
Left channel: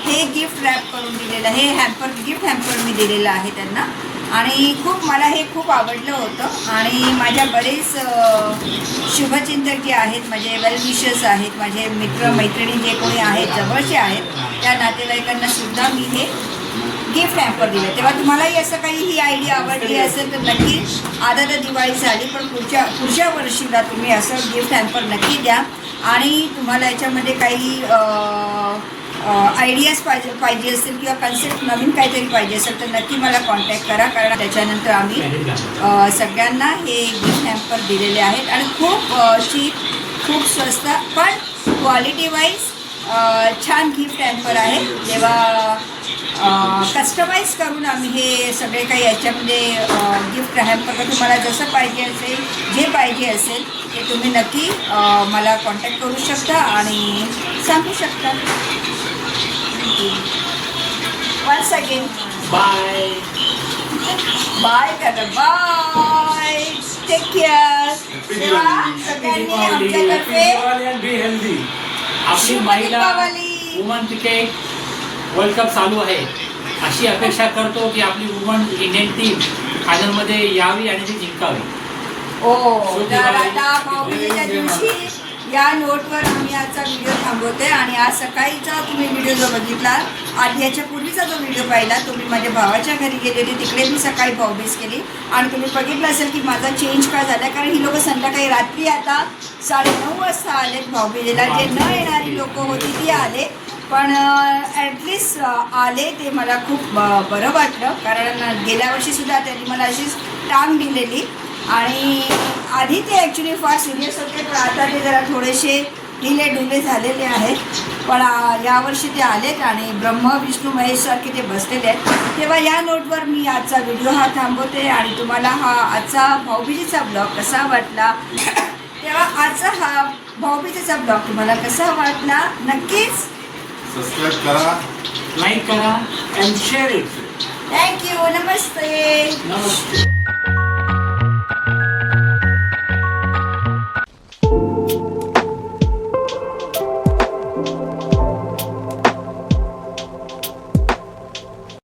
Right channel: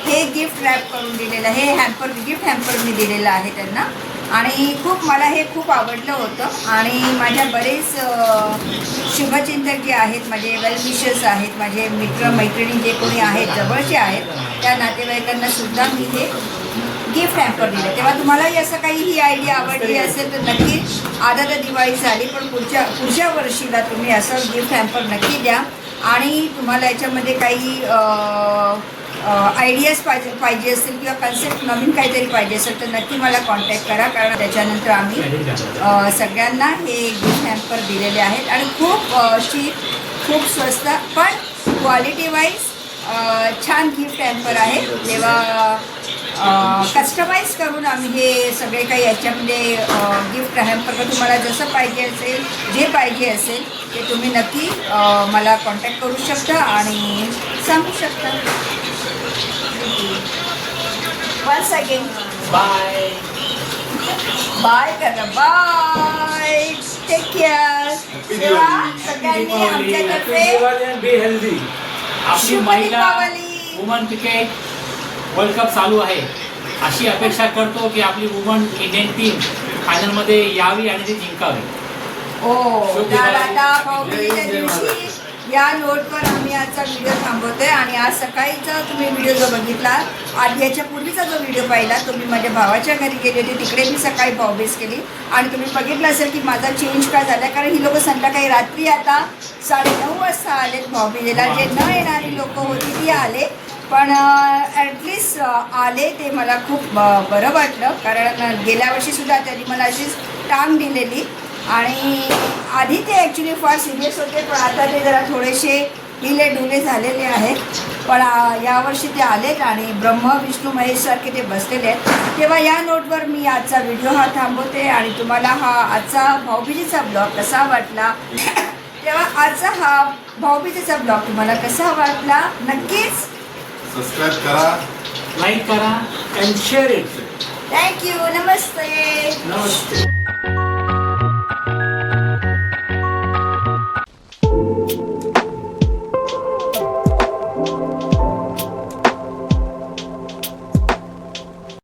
हे गिफ्ट रॅप करून दिलेलं, हे हॅम्पर, गिफ्ट हॅम्पर मी दिलेलं आहे त्यांना. आणि खूप मला हे खूप आवडलं होतं आणि माझ्या बरेच शुभचिंतक जे आहेत, माझे वेल विशर्स आहेत, माझे मित्र मैत्रिणी जे कोणी आहेत जवळचे आहेत त्या नातेवाईकांना सुद्धा मी हे गिफ्ट हॅम्पर दिलं. तेव्हा तुम्हालाही असं काही ही आयडिया आवडली असेल तर नक्की, आता तर दिवाळी झाली पण पुढच्या वर्षीला तुम्ही असं गिफ्ट हॅम्पर नक्की द्या. आणि तुम्हाला याच्यामध्ये काही आयडियाज पाहिजे असतील किंवा कन्सेप्ट नवीन काहीतरी पाहिजे असेल तर नक्की मला कॉन्टॅक्ट करा, कारण त्याच्यानंतर आम्ही सगळ्यांना हे गिफ्ट हॅम्पर दिलेले आहेत आणि खूप चीप, खूप स्वस्त पण क्वालिटी वाईज छान गिफ्ट हॅम्पर आहे. तेव्हा कस्टमाइज करून आम्ही हे सगळे काही याच्यामध्ये गिफ्ट हॅम्पर तुम्हाला जसं पाहिजे असेल, जे पाहिजे असेल ते तुम्ही नक्की मला कॉन्टॅक्ट करू शकता आणि सांगू शकता. वन्स अगेन बाय बाय करा, बाय, टेक केअर. तेव्हा सगळ्यांनी आमच्यातर्फे बी हेल्दी. आपली महिला वुमन क्रिकेट वर्ल्ड कप चालू आहे, अशी अपेक्षा करतो की आपली वुमन इंडियन टीम फायनलमध्ये यावी आणि ती जिंकावी. तर आता भाऊबीजेच्या दिवशी या नोटवर आम्ही आजचा व्हिडिओ थांबवतोय. आणि आज सकाळीचा तुम्ही व्हिडिओ जो बघितला, आधी याच्या पूर्वीचा जो व्हिडिओ पाहिला तो मी माझ्या भावाच्या घरी गेले होते, तिकडे मी सकाळी भाऊबीज केली आणि तुम्ही बघितलं असेल की माझा चेंज का झाला, कारण ही लोकं संध्याकाळी रात्री आता 9:30 वाजता आलेत भाऊबीजेला. जे न येणारी लोकं होती ती आले, पण ॲटलिस्ट आले ते मला खूप बरं वाटलं, कारण गेल्या वर्षीसुद्धा त्यांनी मला अशीच टांग दिलेली आणि आधी ते ॲक्च्युली फार सिरियस होते पण आता ते जरा थोडेसे ढिले झालेले आहेत. पण यावर्षी ते आलेत आणि ब्रह्म विष्णू महेशसारखे ते बसलेले आहेत. तेव्हा या नोटवर मी आजचा व्हिडिओ हा थांबवते आणि तुम्हाला हा आजचा भाऊबीजेचा ब्लॉग कसा वाटला, तेव्हा आजचा हा भाऊबीजेचा ब्लॉग तुम्हाला कसा वाटला नक्कीच सबस्क्राईब करा, लाईक करा and share it. Thank you. Namaste.